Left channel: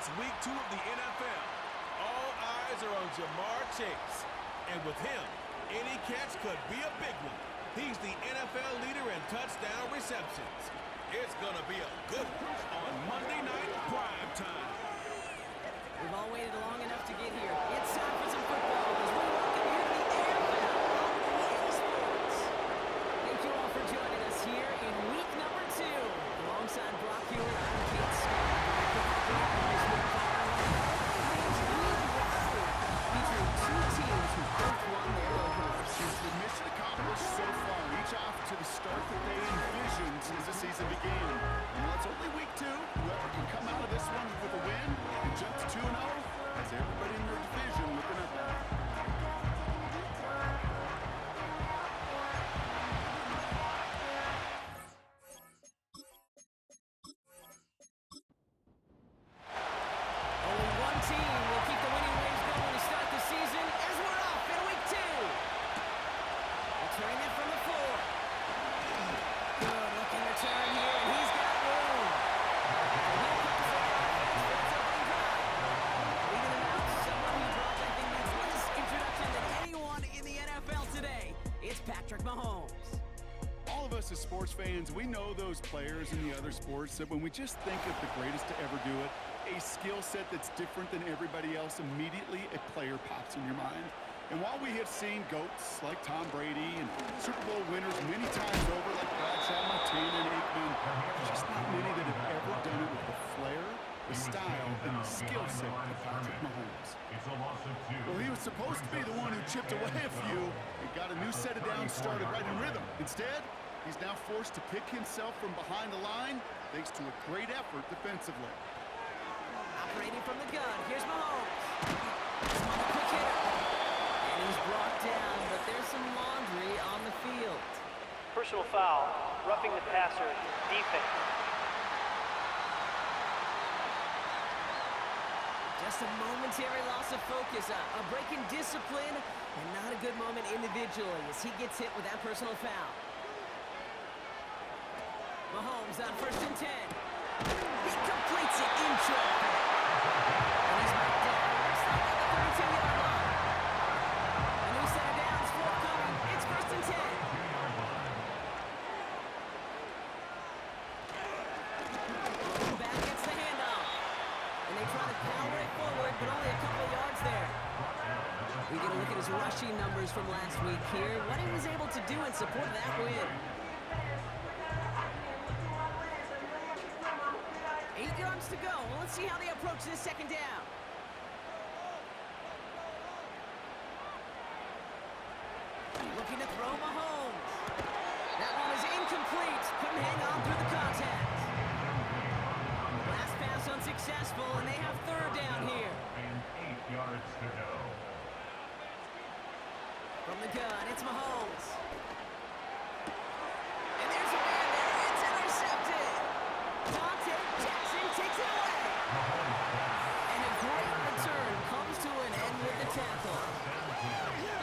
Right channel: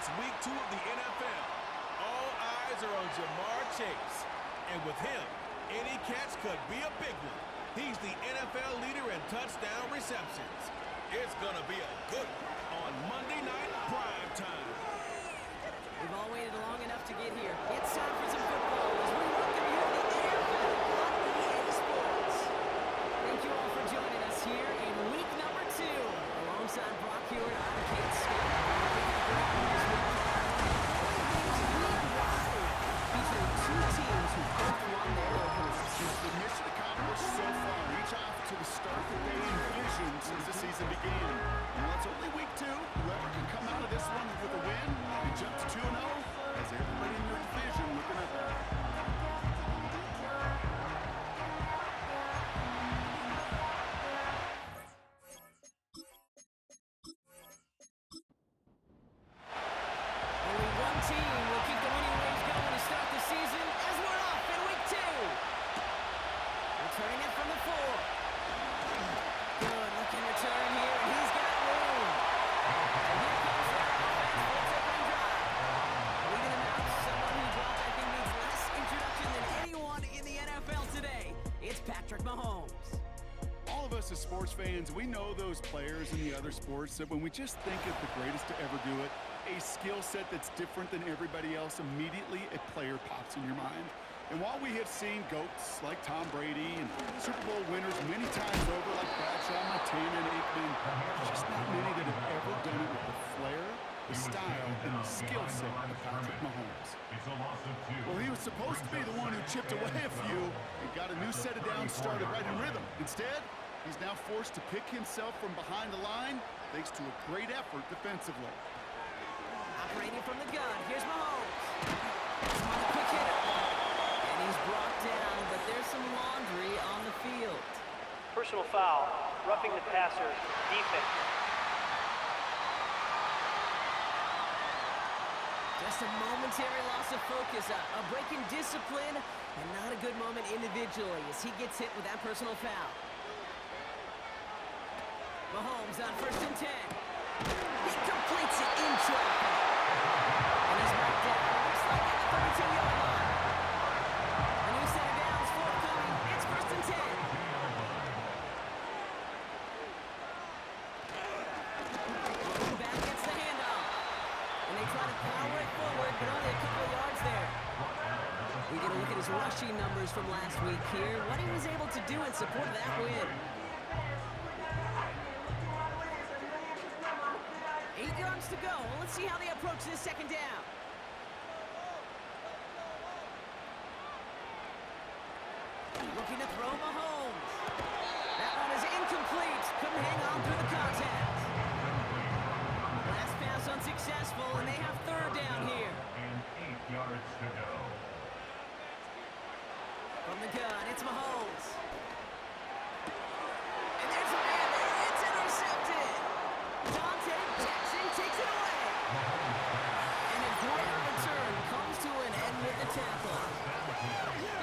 It's week 2 of the NFL. All eyes are on Jamar Chase. And with him, any catch could be a big one. He's the NFL leader in touchdown receptions. It's going to be a good one on Monday Night Prime Time. We've all waited long enough to get here. It's time for some football as we welcome you to the NFL on EA Sports. Thank you all for joining us here in week number 2. Alongside Brock Hewitt, I'm Kate Scott. Featuring 2 teams who both won their openers. The mission accomplished so far, each off to the start that they envisioned as the season began. And while it's only week 2, whoever can come out of this one with a win and jump to 2-0 has everybody in their division looking up at it. Only one team will keep the winning waves going to start the season as we're off in week 2. Returning it from the 4. Good looking return here, and he's got room. So here comes their offense for its opening drive. Leading them out, someone who dropped I think needs less introduction than anyone in the NFL today. It's Patrick Mahomes. All of us as sports fans, we know those players in the other sports that when we just think of the greatest to ever do it, a skill set that's different than everybody else, immediately a player pops in your mind. And while we have seen GOATs like Tom Brady and Super Bowl winners many times over like Bradshaw, Montana, and Aikman, there's just not many that have ever done it with the flair, the style, and the skill set of Patrick Mahomes. Well, he was supposed to be the one who chipped away a few and got a new set of downs started right in rhythm. Instead, he's now forced to pick himself from behind the line thanks to a great effort defensively. Operating from the gun, here's Mahomes. He's on the quick hitter. And he's brought down, but there's some laundry on the field. Personal foul, roughing the passer, defense. Just a momentary loss of focus, a break in discipline, and not a good moment individually as he gets hit with that personal foul. Mahomes on 1st and 10. He completes it in traffic. And he's knocked down. Looks like at the 32-yard line. A new set of downs forthcoming. It's 1st and 10. Looking back gets the handoff. And they try to power it forward, but only a couple of yards there. We get a look at his rushing numbers from last week here. What he was able to do in support of that win. 8 yards to go. Well, let's see how they approach this second down. Looking to throw Mahomes. That one is incomplete. Couldn't hang on through the contact. Last pass unsuccessful, and they have 3rd down here. And 8 yards to go. From the gun, it's Mahomes. And there's a man there. It's intercepted. Dante Jackson takes it away. And a great return comes to an end with the tackle.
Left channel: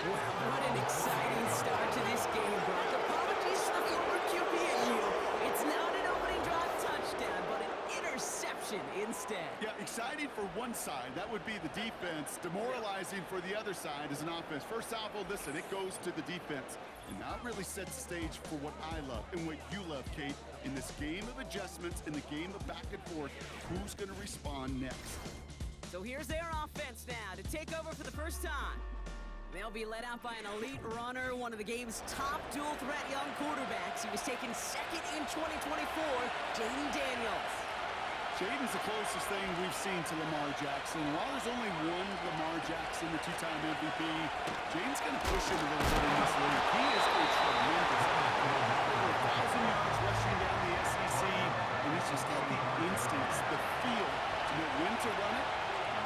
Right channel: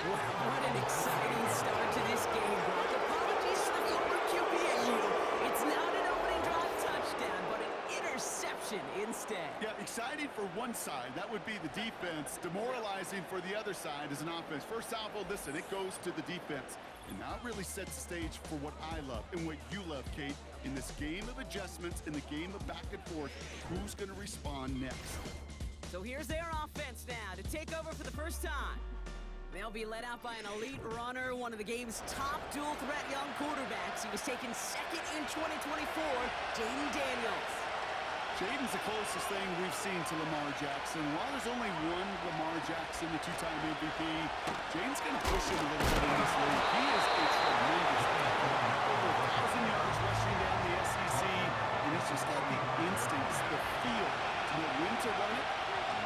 Wow, what an exciting start to this game, Brock. Apologies to the former QB and you. It's not an opening drive touchdown, but an interception instead. Yeah, exciting for one side. That would be the defense. Demoralizing for the other side as an offense. First salvo, listen, it goes to the defense. And now it really sets the stage for what I love and what you love, Kate. In this game of adjustments, in the game of back and forth, who's going to respond next? So here's their offense now to take over for the first time. They'll be led out by an elite runner, one of the game's top dual-threat young quarterbacks. He was taken 2nd in 2024, Jaden Daniels. Jaden's the closest thing we've seen to Lamar Jackson. While there's only one Lamar Jackson, the 2-time MVP, Jaden's going to push him a little bit in this league. He is a tremendous athlete. Over 1,000 yards rushing down the SEC, and he's just got the instincts, the feel to know when to run it,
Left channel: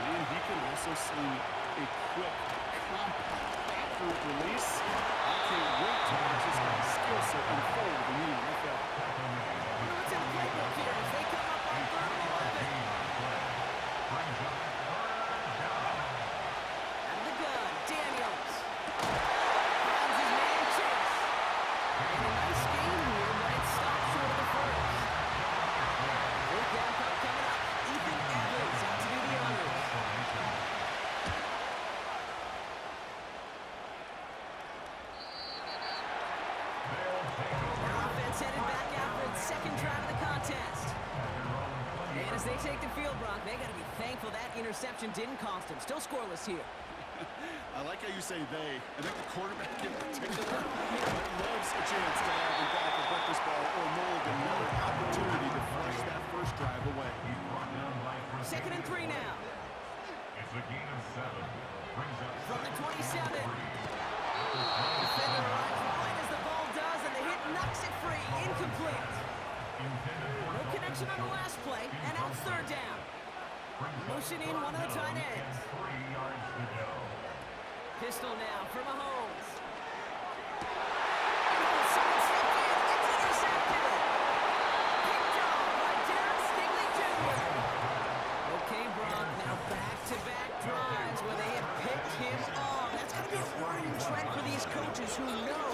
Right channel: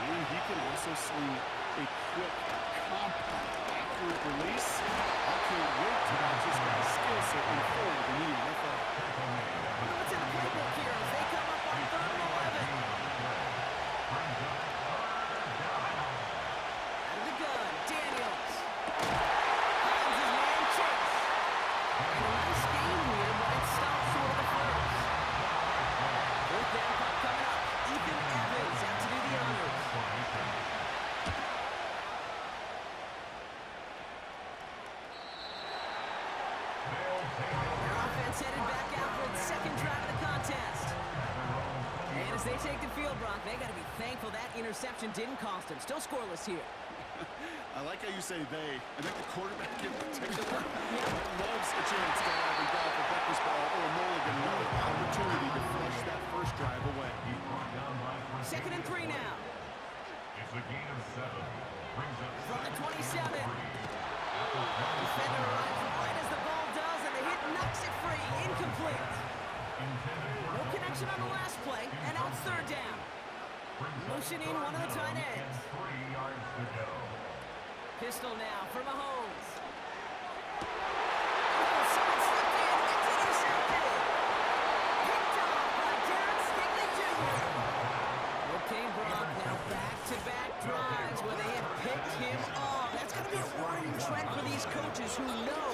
and he can also sling it. A quick, compact, accurate release. I can't wait to watch this guy's skill set unfold in the NFL. Wonder what's in the playbook here as they come up on 3rd and 11. Out of the gun, Daniels. Finds his man Chase. And a nice game here, but it stopped short of the 1st. 4th down punt coming up. Ethan Evans out to do the As they take the field, Brock, they got to be thankful that interception didn't cost them. Still scoreless here. I like how you say they. I think the quarterback in particular loves a chance to have in golf a breakfast ball or a mulligan, another opportunity to flush that first drive away. Second and 3 now. It's a gain of 7. Brings up From the 27. Defender arrives right as the ball does, and the hit knocks it free. Incomplete. No connection on the last play, and now it's third down. Motion in one of the tight ends. 3 yards to go. Pistol now for Mahomes. Oh, someone stepped in. It's intercepted. Picked off by Darren Stingley Jr. Okay, Brock, now back-to-back drives where they have picked him off. That's going to be a worrying trend for these coaches who know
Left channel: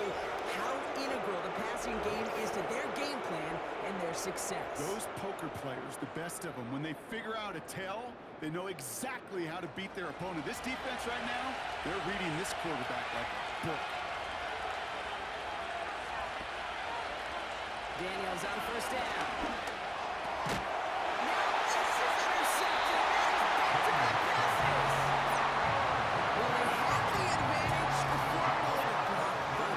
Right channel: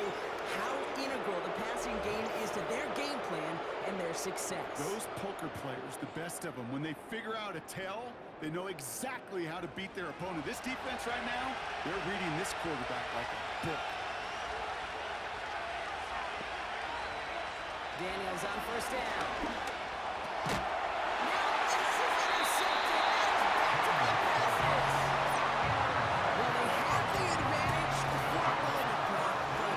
how integral the passing game is to their game plan and their success. Those poker players, the best of them, when they figure out a tell, they know exactly how to beat their opponent. This defense right now, they're reading this quarterback like a book. Daniels on first down. Now this is intercepted. That is back-to-back passes. Well, they had the advantage for a moment, Brock, but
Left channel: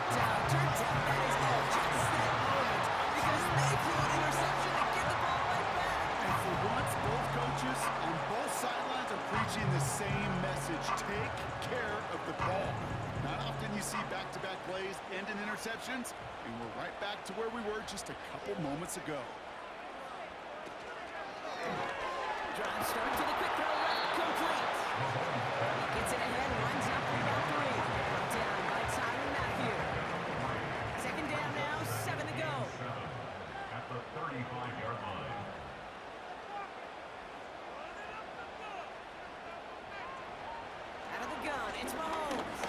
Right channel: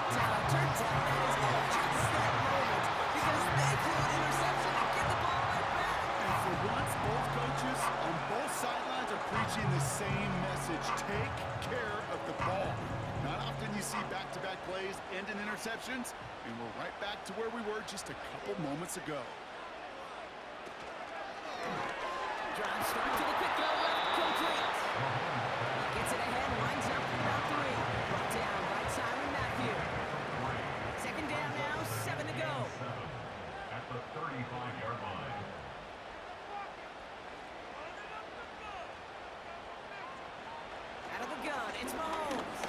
turns out that is all just that moment because they threw an interception and get the ball right back. And for once, both coaches on both sidelines are preaching the same message. Take care of the ball. Not often you see back-to-back plays end in interceptions, and we're right back to where we were just a couple moments ago. Drive start to the quick throw left, complete. He gets it ahead, winds up with about 3. Brought down by Tyrann Mathieu. Second down now, 7 to go. At the 35-yard line. Out of the gun, it's Mahomes.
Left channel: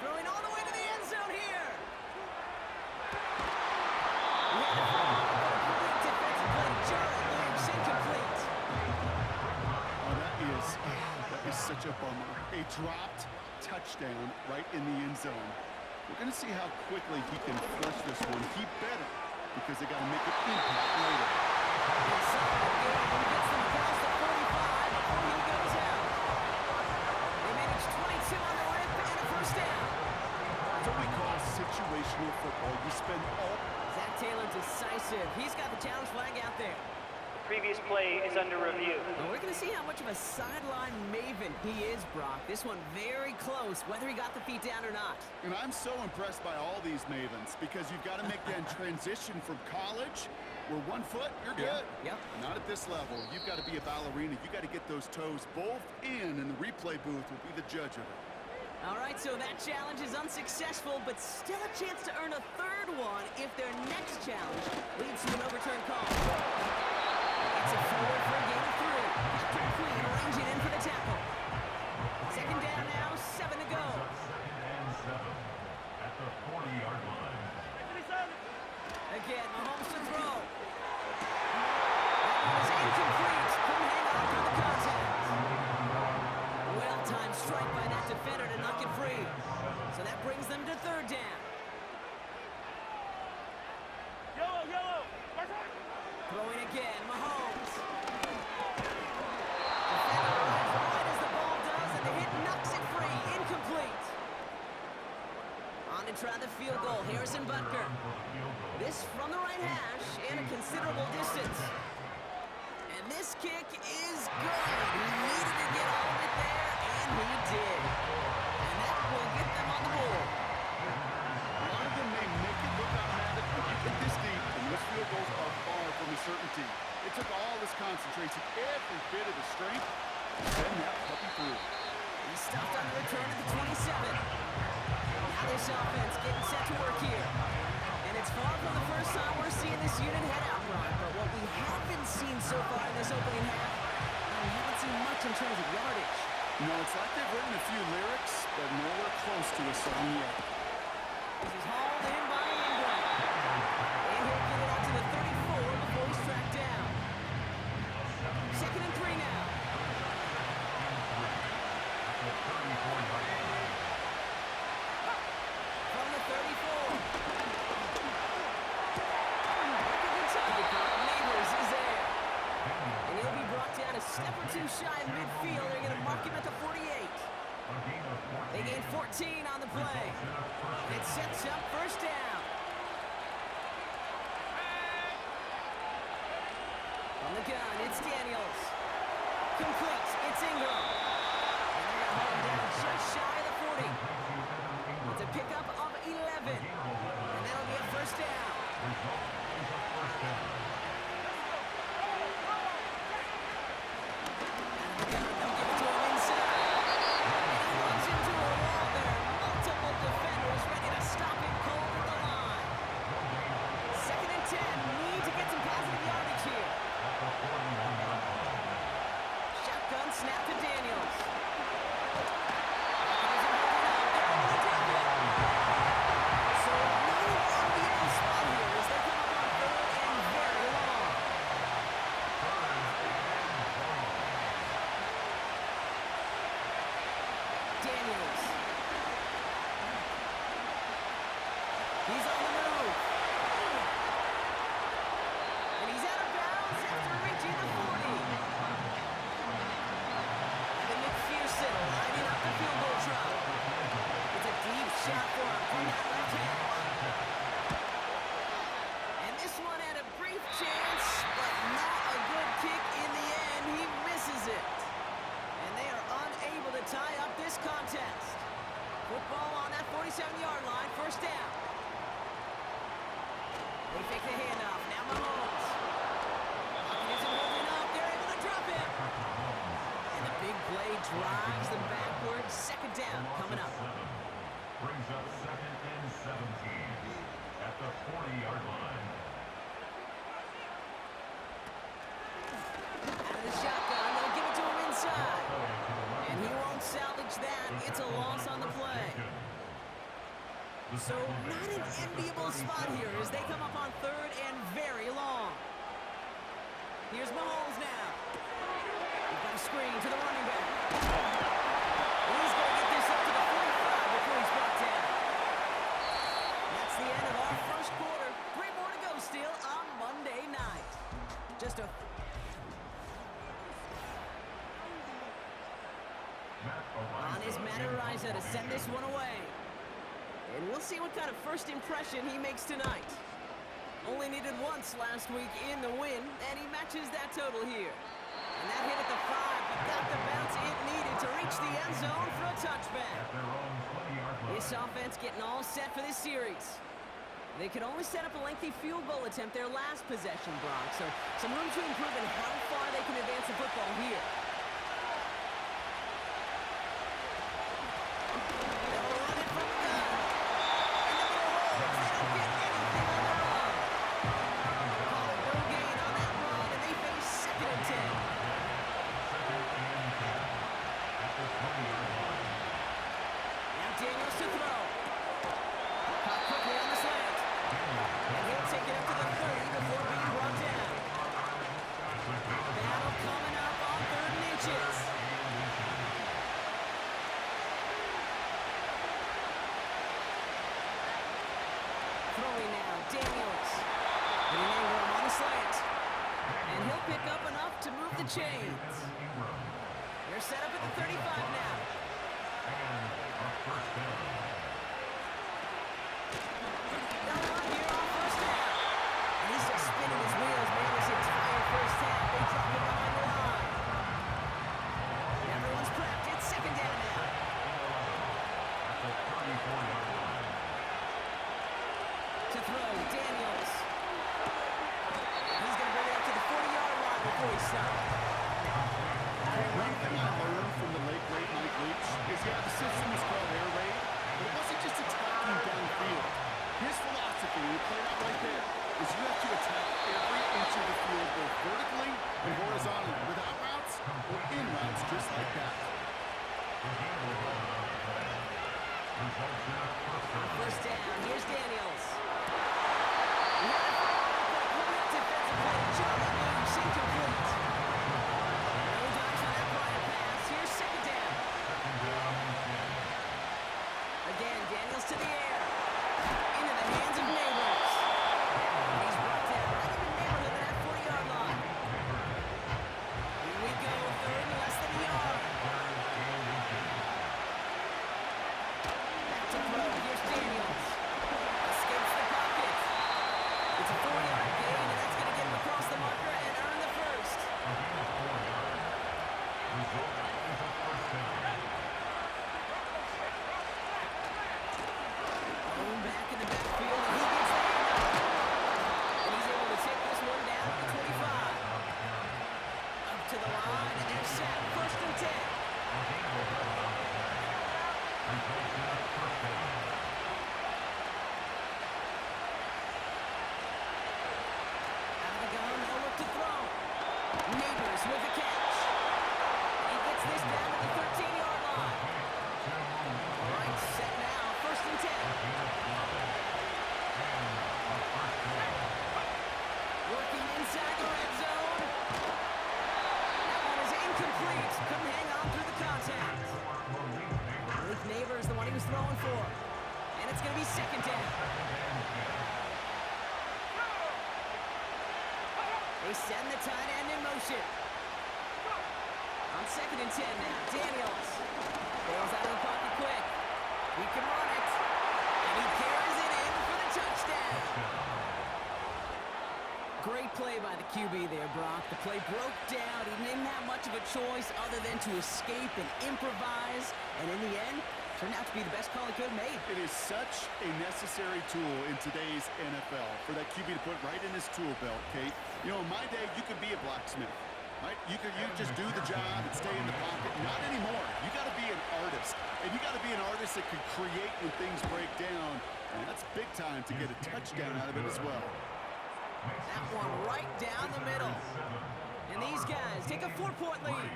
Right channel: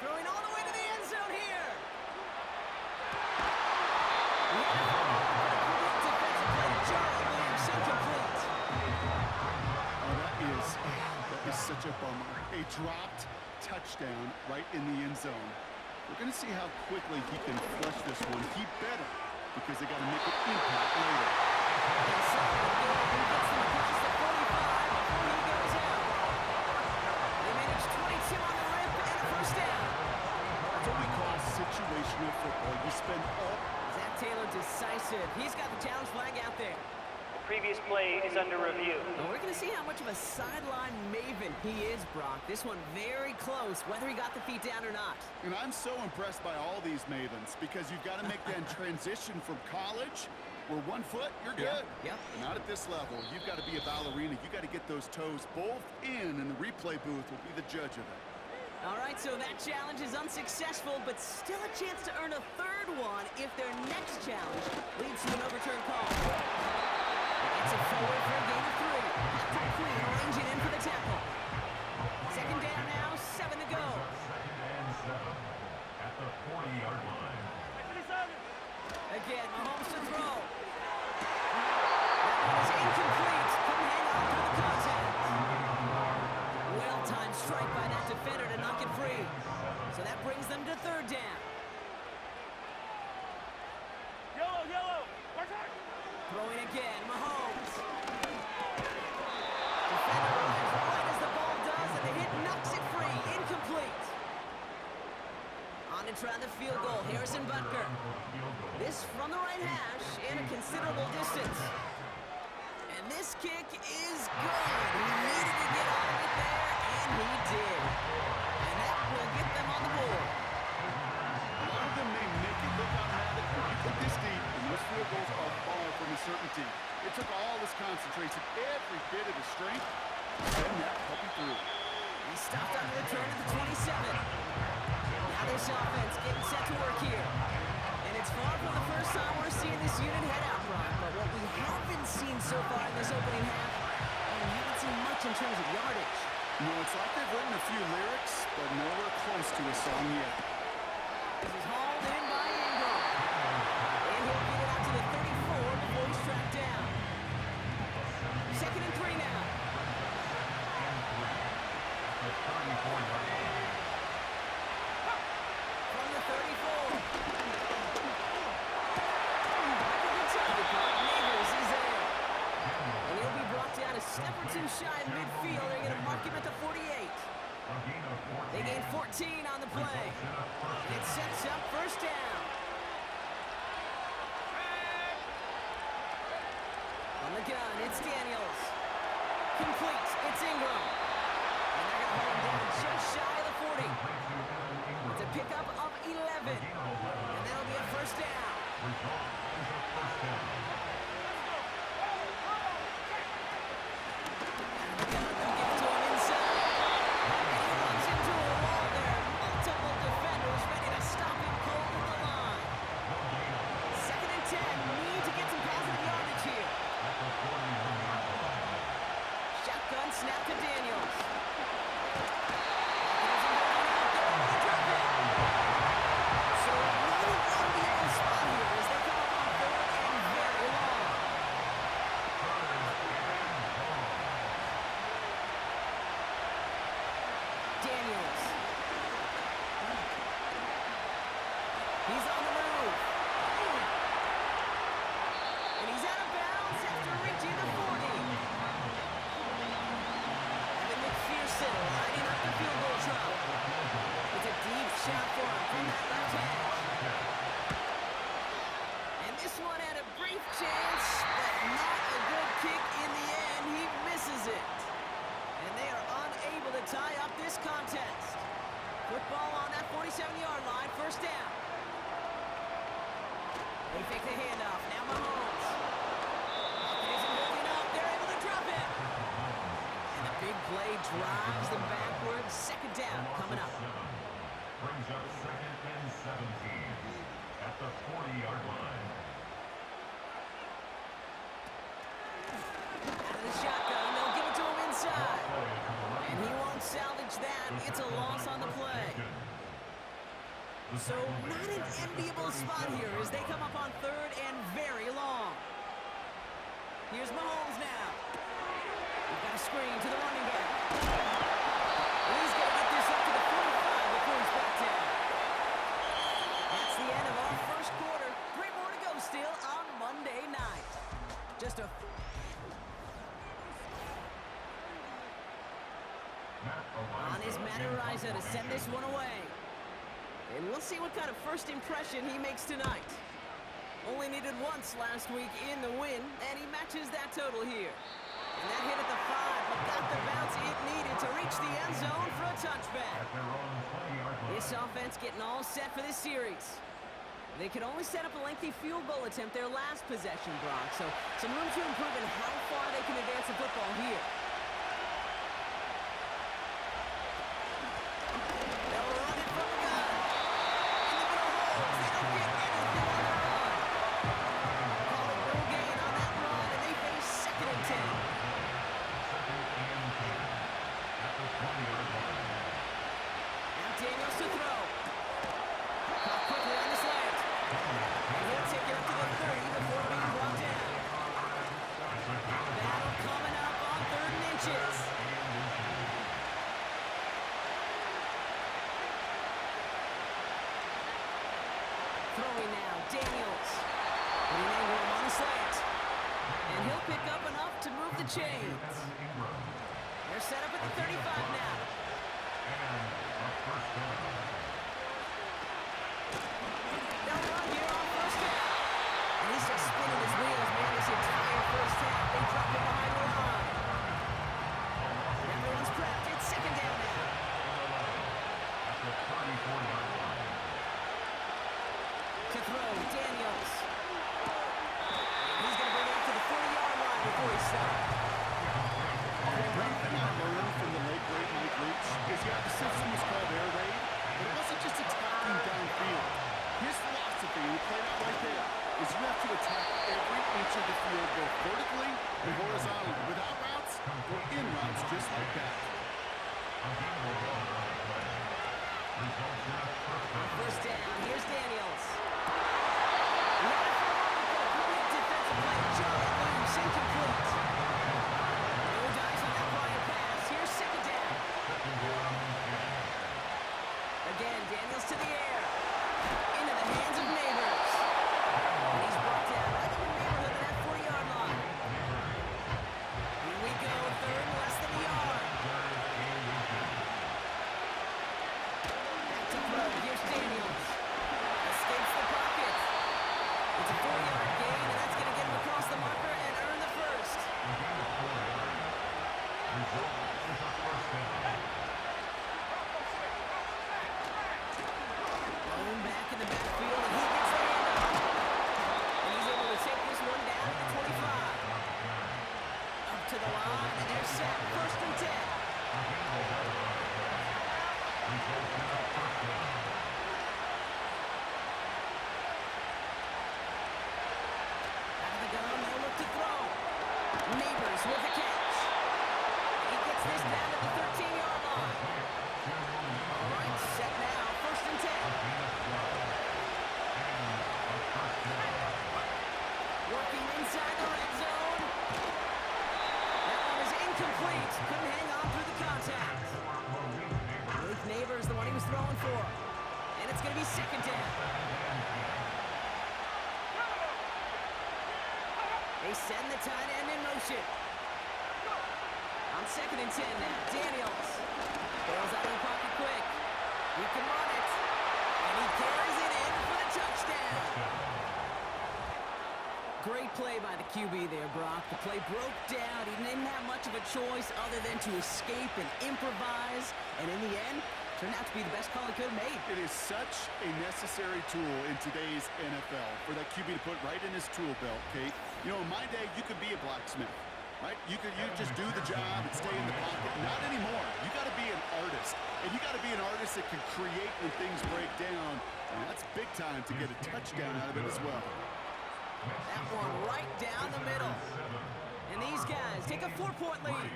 Throwing all the way to the end zone here. He had a ball, but a great defensive play to Jarrett Williams, incomplete. Oh, that is such a bummer. A dropped touchdown right in the end zone. We're going to see how quickly he can flush this one. He better, because they got to make an impact later. Inside the game, gets them across the 45 before he goes out. They manage 22 on the rip and a first down. That's what we call situational football. You spend all... Zach Taylor decisive. He's got the challenge flag out there. The previous play is under review. Well, we're going to see how much of a sideline maven he is, Brock. This one very close, whether he got the feet down or not. And I'm so impressed by all these mavens because you've got to make that transition from college where 1 foot, you're good. Yep. But not at this level. You've got to be a ballerina. You've got to get those toes both in, and the replay booth will be the judge of it. All right, so that challenge is unsuccessful, but still a chance to earn a third one if their next challenge leads to an overturned call. Gets it forward for a gain of 3. Captain Queen arranging in for the tackle. Second down now, 7 to go. Second and 7 at the 40-yard line. Again, Mahomes to throw. That one is incomplete. Couldn't hang on through the contact. Well-timed strike by that defender to knock it free. So that brings them to third down. Throwing again, Mahomes. Defender arrives right as the ball does, and the hit knocks it free. Incomplete. On to try the field goal, Harrison Butker. This from the right hash and a considerable distance. And this kick is good. He needed to get all of it there, and he did. And that will get them on the board. A lot of them may make it look automatic, but you get this deep, and those field goals are far from a certainty. It took all his concentration, every bit of his strength, to send that puppy through. He stopped on the return at the 27. Now this offense getting set to work here. And it's far from the first time we're seeing this unit head out, Brock. But what we haven't seen so far in this opening half, we haven't seen much in terms of yardage. No, it's like they've written a few lyrics, but nowhere close to a song yet. This is hauled in by Ingram. And he'll get it out to the 34 before he's tracked down. Second and 3 now. From the 34. Back in Kentucky, Neighbors is there. about a step or two shy of midfield. They're going to mark him at the 48. A gain of 14. They gain 14 on the play. Results in a first And it down. sets up first down. On the gun, it's Daniels. Complete, it's Ingram. And they're going to hold him down just shy of the 40. Complete to Evan Ingram. It's a pickup of 11. A gain of 11. And that'll be a first down. Result is a first down. Out of the gun, they'll give it to him inside. And he runs into a wall there. Multiple defenders ready to stop him cold at the line. Second and 10. Need to get some positive yardage here. At the 41-yard line. Shotgun snap to Daniels. Pocket isn't holding up. They're able to drop it. So not an enviable spot here as they come up on third and very long. Daniels. He's on the move. And he's out of bounds after reaching the 40. Evan McPherson lining up the field goal drop. It's a deep shot for him from that left hash. And this one had a brief chance, but not a good kick in the end. He misses it. And they are unable to tie up this contest. Football on that 47-yard line, first down. They fake the handoff. Now Mahomes. Pocket isn't holding up. They're able to drop it. And the big play drives them backwards. Second down coming up. Brings up second and 17 at the 40-yard line. Out of the shotgun. They'll give it to him inside. And he won't salvage that. It's a loss on the play. So not an enviable spot here as they come up on third and very long. Here's Mahomes now. He's got a screen to the running back. And he's going to get this up to the 45 before he's brought down. That's the end of our first quarter. 3 more to go still on Monday night. Just a... On his Matt Ariza to send this one away. And we'll see what kind of first impression he makes tonight. Only needed once last week in the win, and he matches that total here. And that hit at the 5, but got the bounce it needed to reach the end zone for a touchback. At their own 20-yard line. This offense getting all set for this series. They could only set up a lengthy field goal attempt their last possession, Brock. So some room to improve in how far they can advance the football here. They'll run it from the gun. In the middle holes. They don't get anything on the run. Call it no gain on that run, and they face second and 10. Second and 10 at the 20-yard line. Now Daniels to throw. Caught quickly on the slant. And he'll take it up to the 30 before being brought down. Battle coming up on 3rd and inches. Throwing now, Daniels. Putting Ingram on the slant. And he'll pick up enough to move the chains. They're set up at the 35 now. And a first down. They'll run here on first down. And he's just spinning his wheels, man, this entire first half. They drop him behind the line. Everyone's prepped. It's second down now. At the 34-yard line. To throw, Daniels. He's going to bring it up to the 40-yard line before he stops. One thing I learned from the late great Mike Leach is, the system was called air raid, but it wasn't just attacking downfield. His philosophy, and he played out right there, is you have to attack every inch of the field, both vertically and horizontally, without routes or in routes, just like that. On first down, here's Daniels. He had it for a moment, but a great defensive play. Jarred loose, incomplete. No dice on that prior pass. Here's second down. Again, Daniels to the air. Into the hands of Neighbors. And he's brought down right in the neighborhood of that 40-yard line. Here we go. Result is a first down. Thrown back in the backfield, and he gets the handoff. And he's able to take this one down to the 25. Up to the line, and they're set. First and 10. Results in a first down. Out of the gun, they'll look to throw. Neighbors with the catch. And he gets this down to the 13-yard line. All right, set now. First and 10. Working inside the red zone. That one is incomplete. Couldn't hang on through the contact. Malik Neighbors, the one he was throwing for. And it's going to be second down. They send the tight end in motion. On second and 10 now, Daniels bails out of the pocket quick. He can run it. And he carries it in for the touchdown. Great play by the QB there, Brock. The play broke down. He didn't have much of a choice other than to escape and improvise. And in the end, turned out to be the best call he could have made. It is such a necessary tool in today's NFL for that QB to put right in his tool belt, Kate. You know, in my day, you could be a blacksmith, right? You just do the job and stay in the pocket. Not anymore. You got to be an artist. And you got to be an artist that can create when things break down. And that's big time to get a touchdown out of it as well. That one right down the middle. And these guys take a 4-point lead.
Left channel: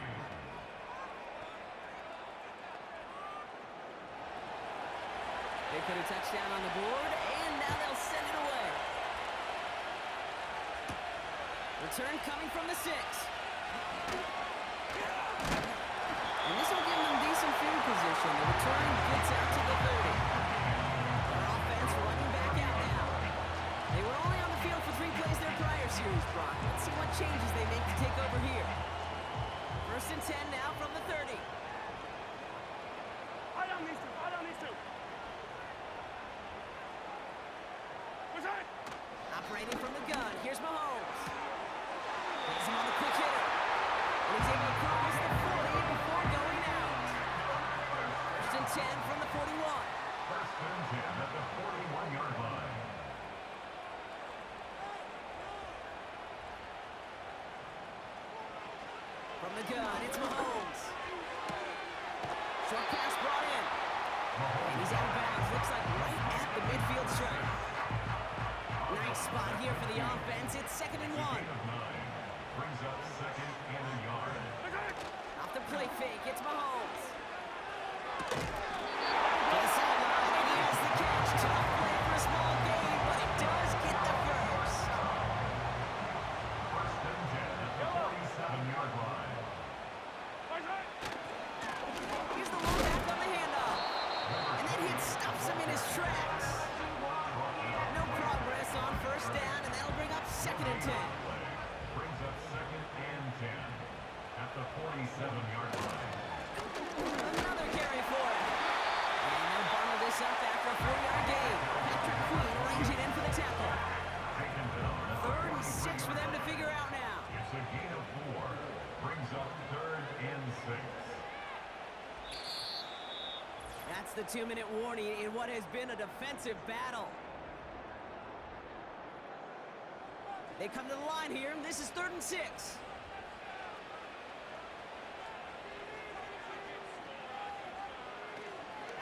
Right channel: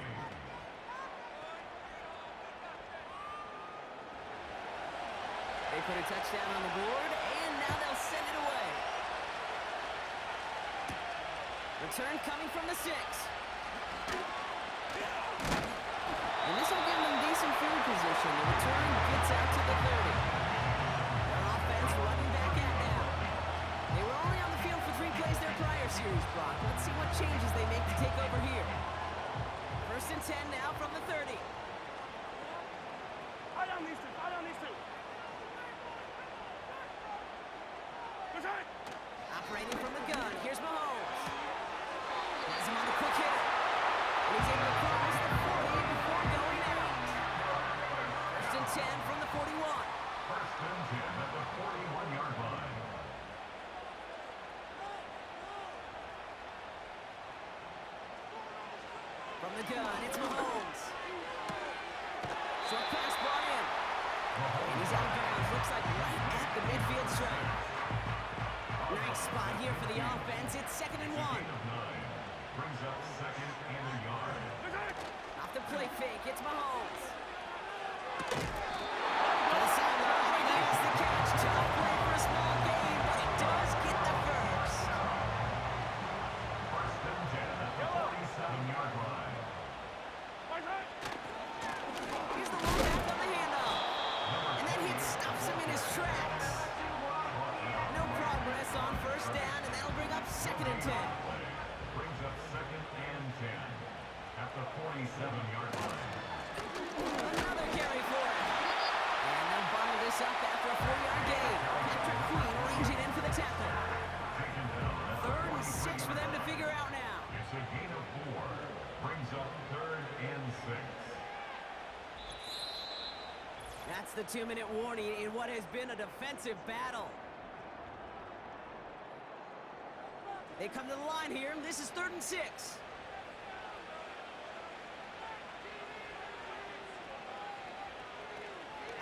They put a touchdown on the board, and now they'll send it away. Return coming from the 6. And this will give them decent field position. The return gets out to the 30. Their offense running back out now. They were only on the field for 3 plays their prior series, Brock. Let's see what changes they make to take over here. First and 10 now from the 30. Fight on these two. Fight on these two. Operating from the gun, here's Mahomes. Has him on the quick hitter. And he's able to cross the 40 before going out. First and 10 from the 41. First and 10 at the 41-yard line. From the gun, it's Mahomes. Short pass brought in. And he's out of bounds. Looks like right at the midfield stripe. Nice spot here for the offense. It's second and 1. Brings up second and a yard. Off the play fake, it's Mahomes. To the sideline, and he has the catch. Tough play for a small gain, but it does get the first. First and 10 at the 47-yard line. Here's the low back on the handoff. And that hit stops him in his tracks. No progress on first down, and that'll bring up second and 10. Brings up second and 10 at the 47-yard line. Another carry for it. And they'll bottle this up after a 4-yard gain. Patrick Queen ranging in for the tackle. Taken down at the 3rd and 6 for them to figure out now. It's a gain of 4. Brings up 3rd and 6. That's the 2-minute warning in what has been a defensive battle. They come to the line here. This is 3rd and 6.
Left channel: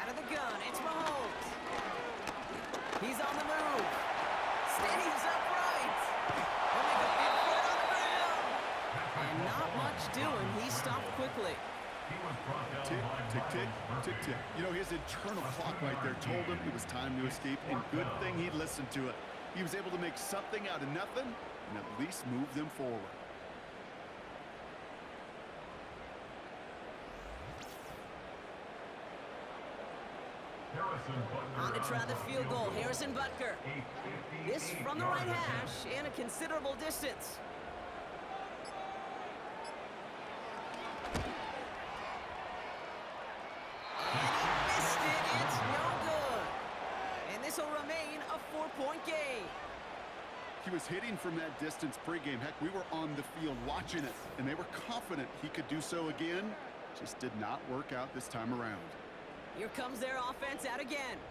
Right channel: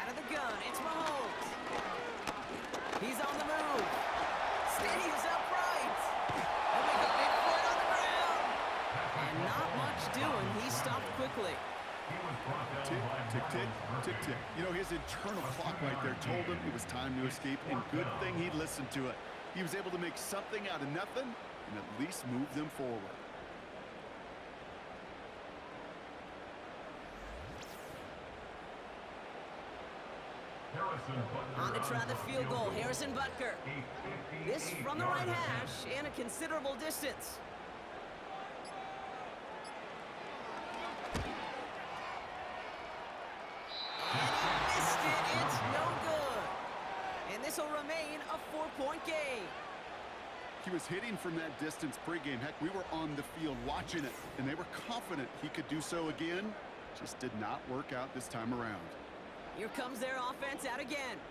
Out of the gun, it's Mahomes. He's on the move. Stays upright. He'll make a big foot on the ground. And not much doing. He stopped quickly. He was brought down Tick, by tick, tick, Marlon tick, tick. You know, his internal clock right there told him it was time to escape, and good thing he listened to it. He was able to make something out of nothing and at least move them forward. On to try the field goal, Harrison Butker. This from the right hash and a considerable distance. And he missed it. It's no good. And this will remain a 4-point game. He was hitting from that distance pregame. Heck, we were on the field watching it, and they were confident he could do so again. Just did not work out this time around. Here comes their offense out again.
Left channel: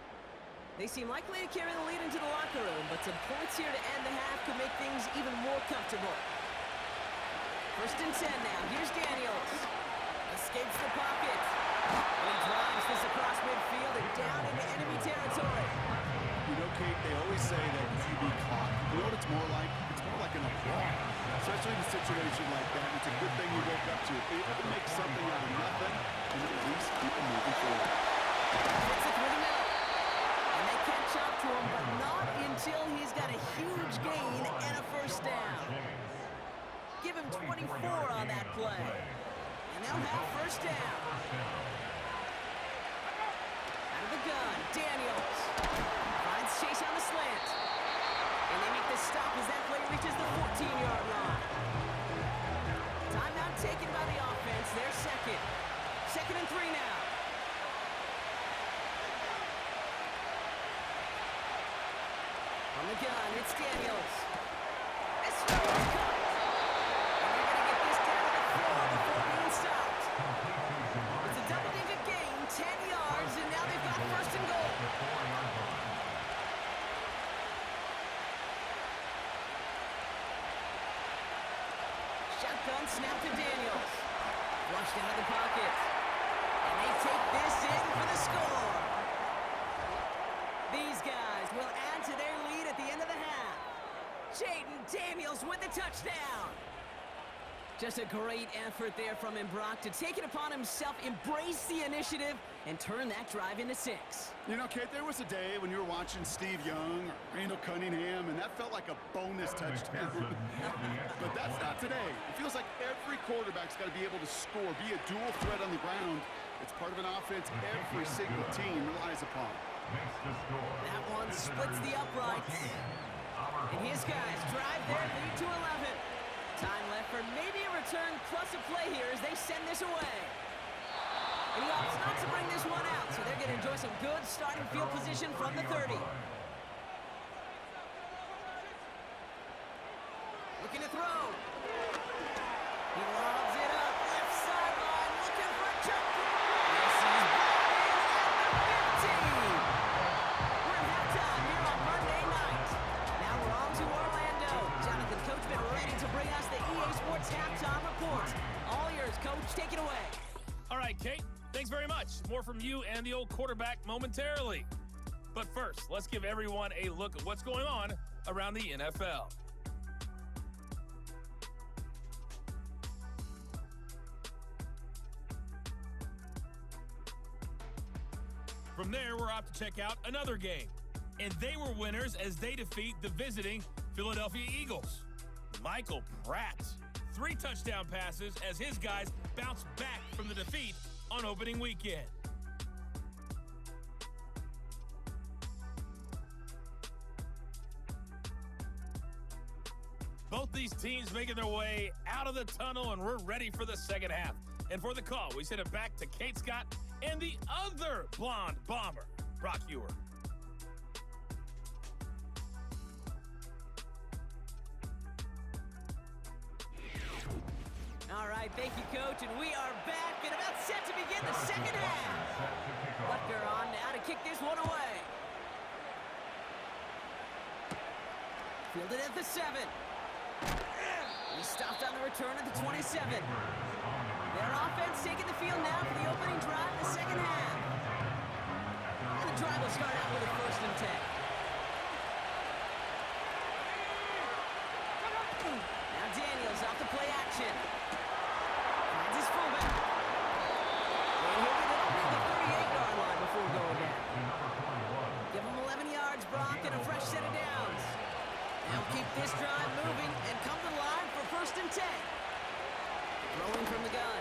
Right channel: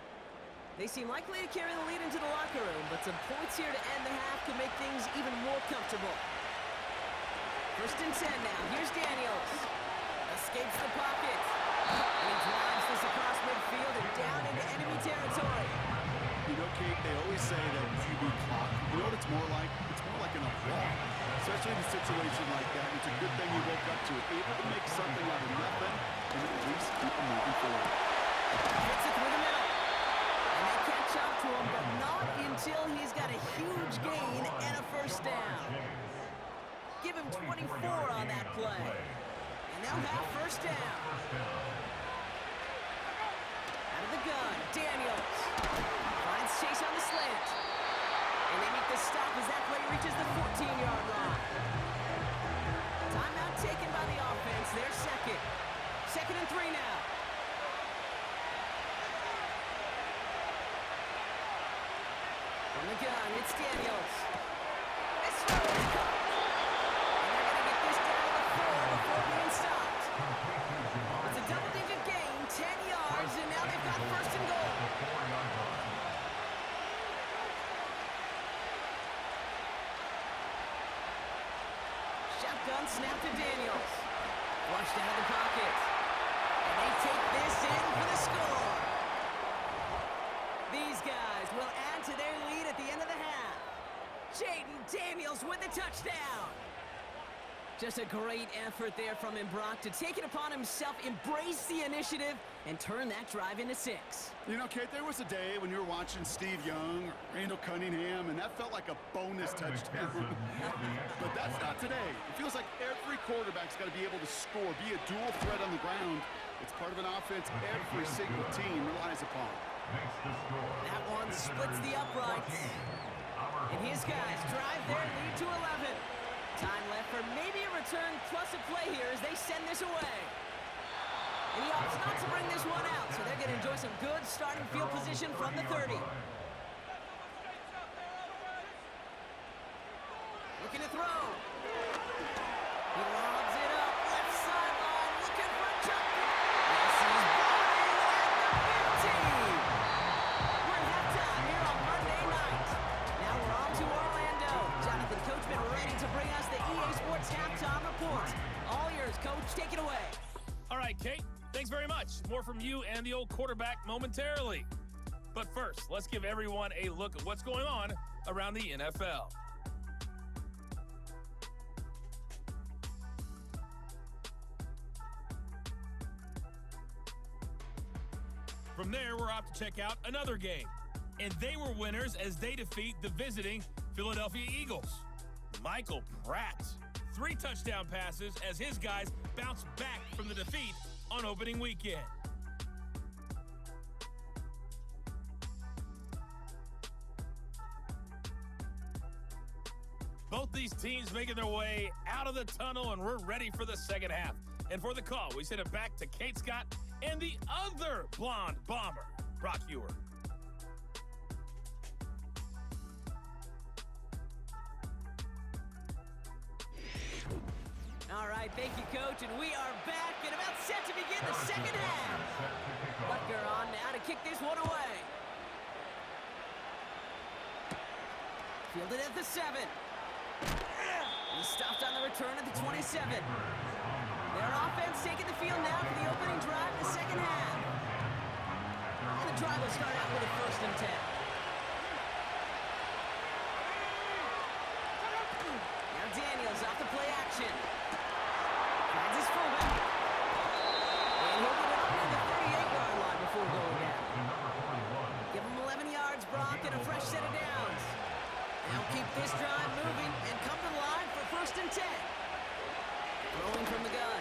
They seem likely to carry the lead into the locker room, but some points here to end the half could make things even more comfortable. 1st and 10 now. Here's Daniels. Escapes the pocket. And he drives this across midfield and down into enemy territory. You know, Kate, they always say that QB clock. You know what it's more like? It's more like an alarm, especially in a situation like that. It's a good thing you woke up to it, able to make something out of nothing, and at least keep them moving forward. Hits it through the middle. And they catch up to him, but not until he's got a huge gain and a 1st down. Give him 24 on that play. And they'll have 1st down. Out of the gun, Daniels. Finds Chase on the slant. And they make the stop as that play reaches the 14-yard line. Timeout taken by the offense. They're second. 2nd and 3 now. From the gun, it's Daniels. This throw is caught. And they're going to get this down to the 4 before being stopped. It's a double-digit gain, 10 yards, and now they've got 1st and goal. Shotgun snap to Daniels. Flushed out of the pocket. And they take this in for the score. These guys will add to their lead at the end of the half. Jaden Daniels with the touchdown. Just a great effort there from him, Brock, to take it upon himself, embrace the initiative, and turn that drive into 6. You know, Kate, there was a day when you were watching Steve Young or Randall Cunningham, and that felt like a bonus touchdown. But that's not today. It feels like every quarterback's got to be able to score, be a dual threat on the ground. It's part of an offense every single team relies upon. That one splits the uprights. And his guys drive their lead to 11. Time left for maybe a return plus a play here as they send this away. And he opts not to bring this one out, so they're going to enjoy some good starting field position from the 30. Looking to throw. He lobs it up, left sideline, looking for a jump. Yes, he's brought in at the 15. We're at halftime here on Monday night. Now we're on to Orlando. Jonathan Coachman ready to bring us the EA Sports Halftime Report. All yours, Coach. Take it away. All right, Kate. Thanks very much. More from you and the old quarterback momentarily. But first, let's give everyone a look at what's going on around the NFL. From there, we're off to check out another game. And they were winners as they defeat the visiting Philadelphia Eagles. Michael Pratt, 3 touchdown passes as his guys bounce back from the defeat on opening weekend. Both these teams making their way out of the tunnel, and we're ready for the second half. And for the call, we send it back to Kate Scott and the other blonde bomber, Brock Ewer. All right, thank you, Coach, and we are back and about set to begin the second half. Butker on now to kick this one away. Fielded at the 7. He stopped on the return at the 27. Their offense taking the field now for the opening drive in the second half. And the drive will start out with a 1st and 10. Now Daniels off the play action. Finds his fullback. And he'll get it up near the 38-yard line before going down. Give him 11 yards, Brock, and a fresh set of downs. They'll keep this drive moving and come to the line for 1st and 10. Throwing from the gun.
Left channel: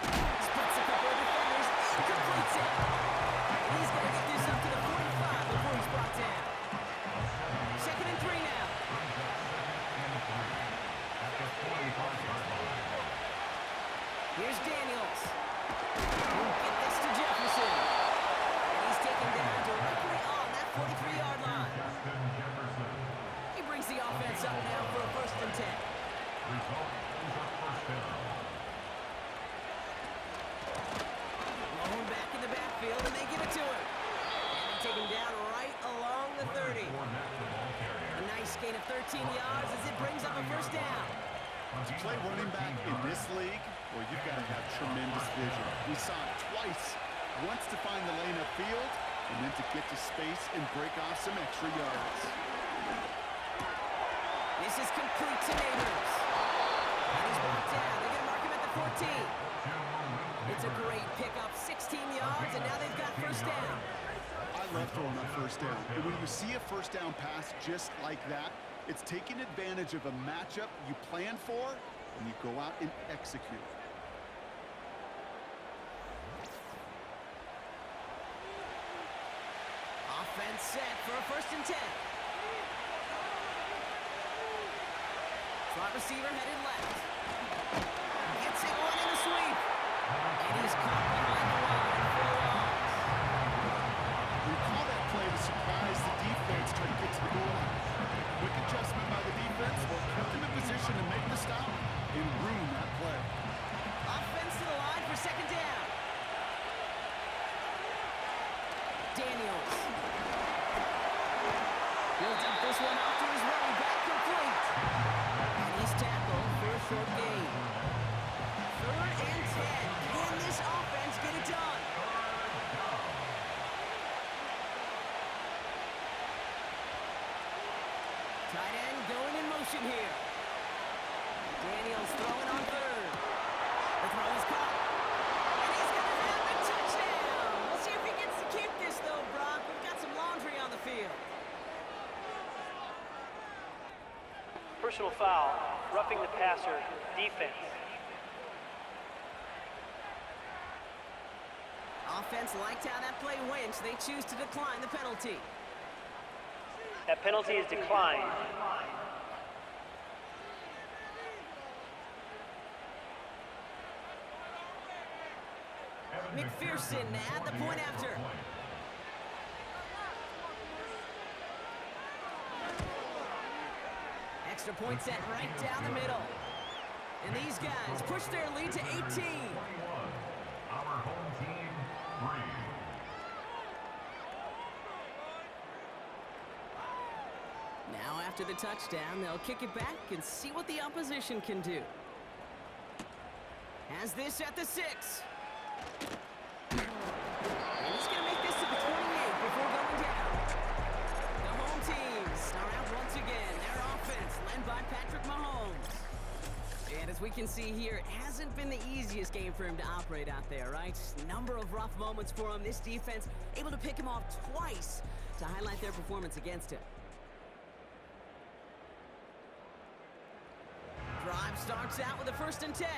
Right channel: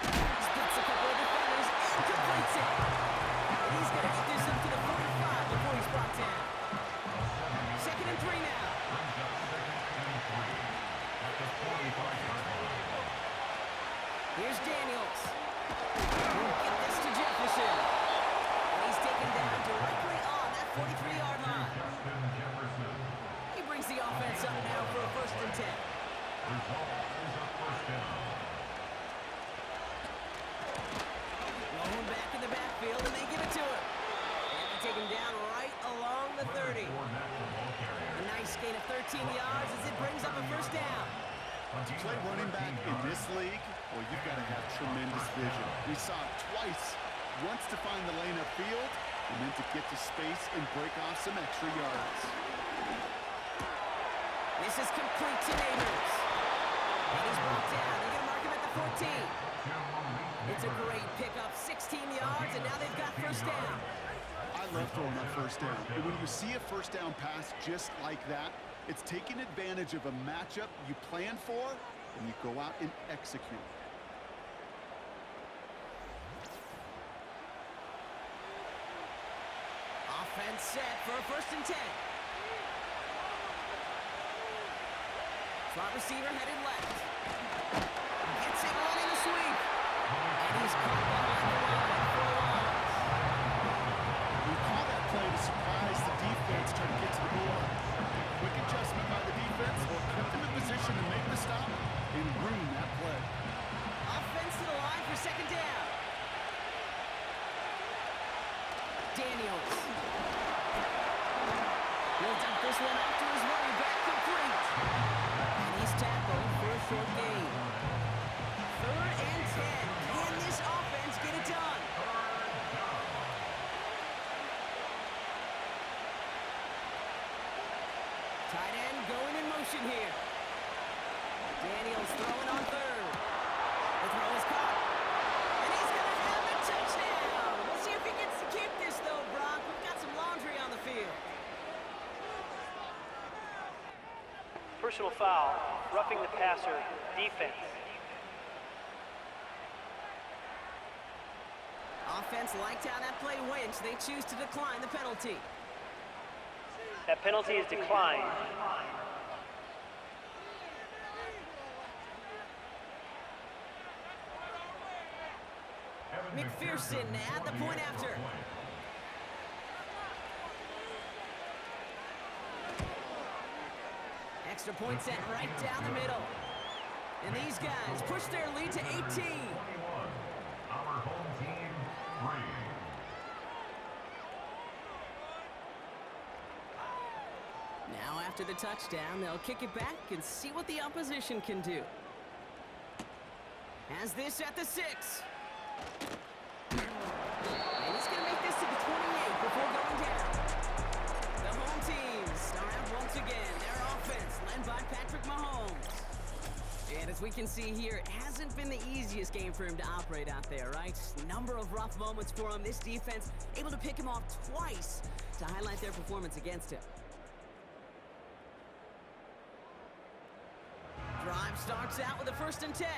Splits a couple of defenders and completes it. And he's going to get this up to the 45 before he's brought down. 2nd and 3 now. Here's Daniels. He'll get this to Jefferson. And he's taken down directly on that 43-yard line. He brings the offense up now for a 1st and 10. Result is a first down. Low back in the backfield, and they give it to him. And they take him down right along the 30. A nice gain of 13 yards as it brings up a 1st down. To play running back in this league, well, you've got to have tremendous vision. We saw it twice. Once to find the lane upfield, and then to get to space and break off some extra yards. This is complete to Neighbors. And he's brought down. They're going to mark him at the 14. It's a great pickup, 16 yards, and now they've got 1st down. I love throwing on 1st down. And when you see a 1st down pass just like that, it's taking advantage of a matchup you plan for, and you go out and execute. Offense set for a 1st and 10. Slot receiver headed left. Gets it running the sweep. And he's caught behind the line for a loss. We call that play to surprise the defense, try to get to the goal line. Quick adjustment by the defense kept him in position to make the stop and ruin that play. Offense to the line for 2nd down. Daniels. He'll dump this one off to his running back, complete. And he's tackled for a short gain. 3rd and 10. Can this offense get it done? Tight end going in motion here. Daniels throwing on 3rd. The throw is caught. And he's going to have a touchdown. We'll see if he gets to keep this, though, Brock. We've got some laundry on the field. Personal foul, roughing the passer, defense. Offense liked how that play went, so they choose to decline the penalty. That penalty is declined. McPherson at the point after. Extra point set right down the middle. And these guys push their lead to 18. 21. Our home team, 3. Now after the touchdown, they'll kick it back and see what the opposition can do. Has this at the 6. And he's going to make this to the 28 before going down. The home teams are out once again. Their offense led by Patrick Mahomes. And as we can see here, it hasn't been the easiest game for him to operate out there, right? Number of rough moments for him. This defense able to pick him off twice to highlight their performance against him. Drive starts out with a 1st and 10.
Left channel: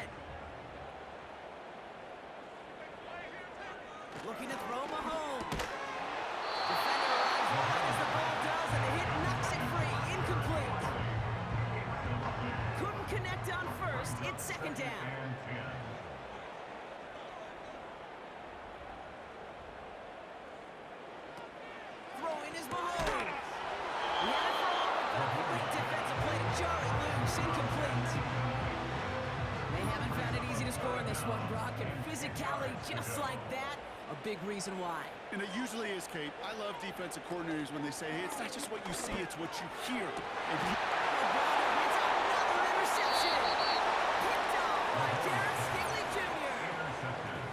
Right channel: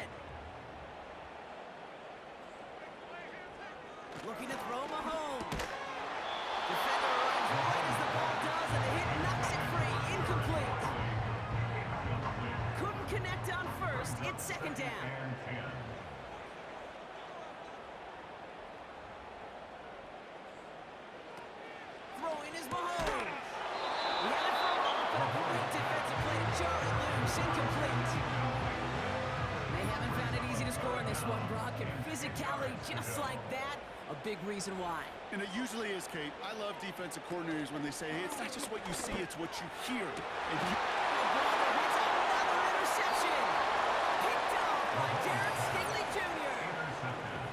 Looking to throw Mahomes. Defender arrives right as the ball does, and the hit knocks it free. Incomplete. Couldn't connect on 1st. It's 2nd down. Throwing is Mahomes. He had it for a moment, but a great defensive play to jar it loose. Incomplete. They haven't found it easy to score in this one, Brock, and physicality just like that, a big reason why. And it usually is, Kate. I love defensive coordinators when they say, hey, it's not just what you see, it's what you hear. And Brother hits another interception. Picked off by Darren Stingley Jr.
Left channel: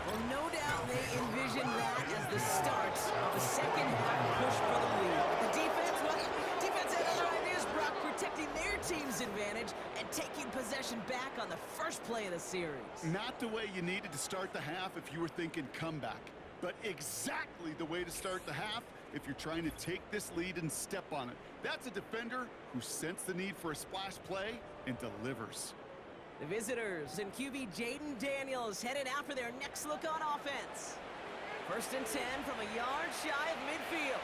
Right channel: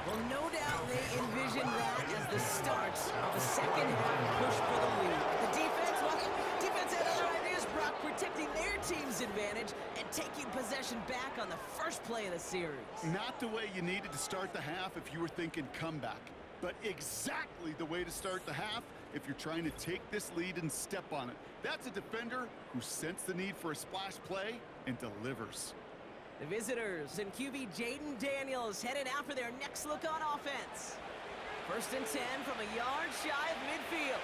Well, no doubt they envisioned that as the start of a 2nd half push for the lead. The defense, well, defense had other ideas, Brock, protecting their team's advantage and taking possession back on the first play of the series. not the way you needed to start the half if you were thinking comeback, but exactly the way to start the half if you're trying to take this lead and step on it. That's a defender who sensed the need for a splash play and delivers. The visitors and QB Jaden Daniels headed out for their next look on offense. 1st and 10 from a yard shy of midfield.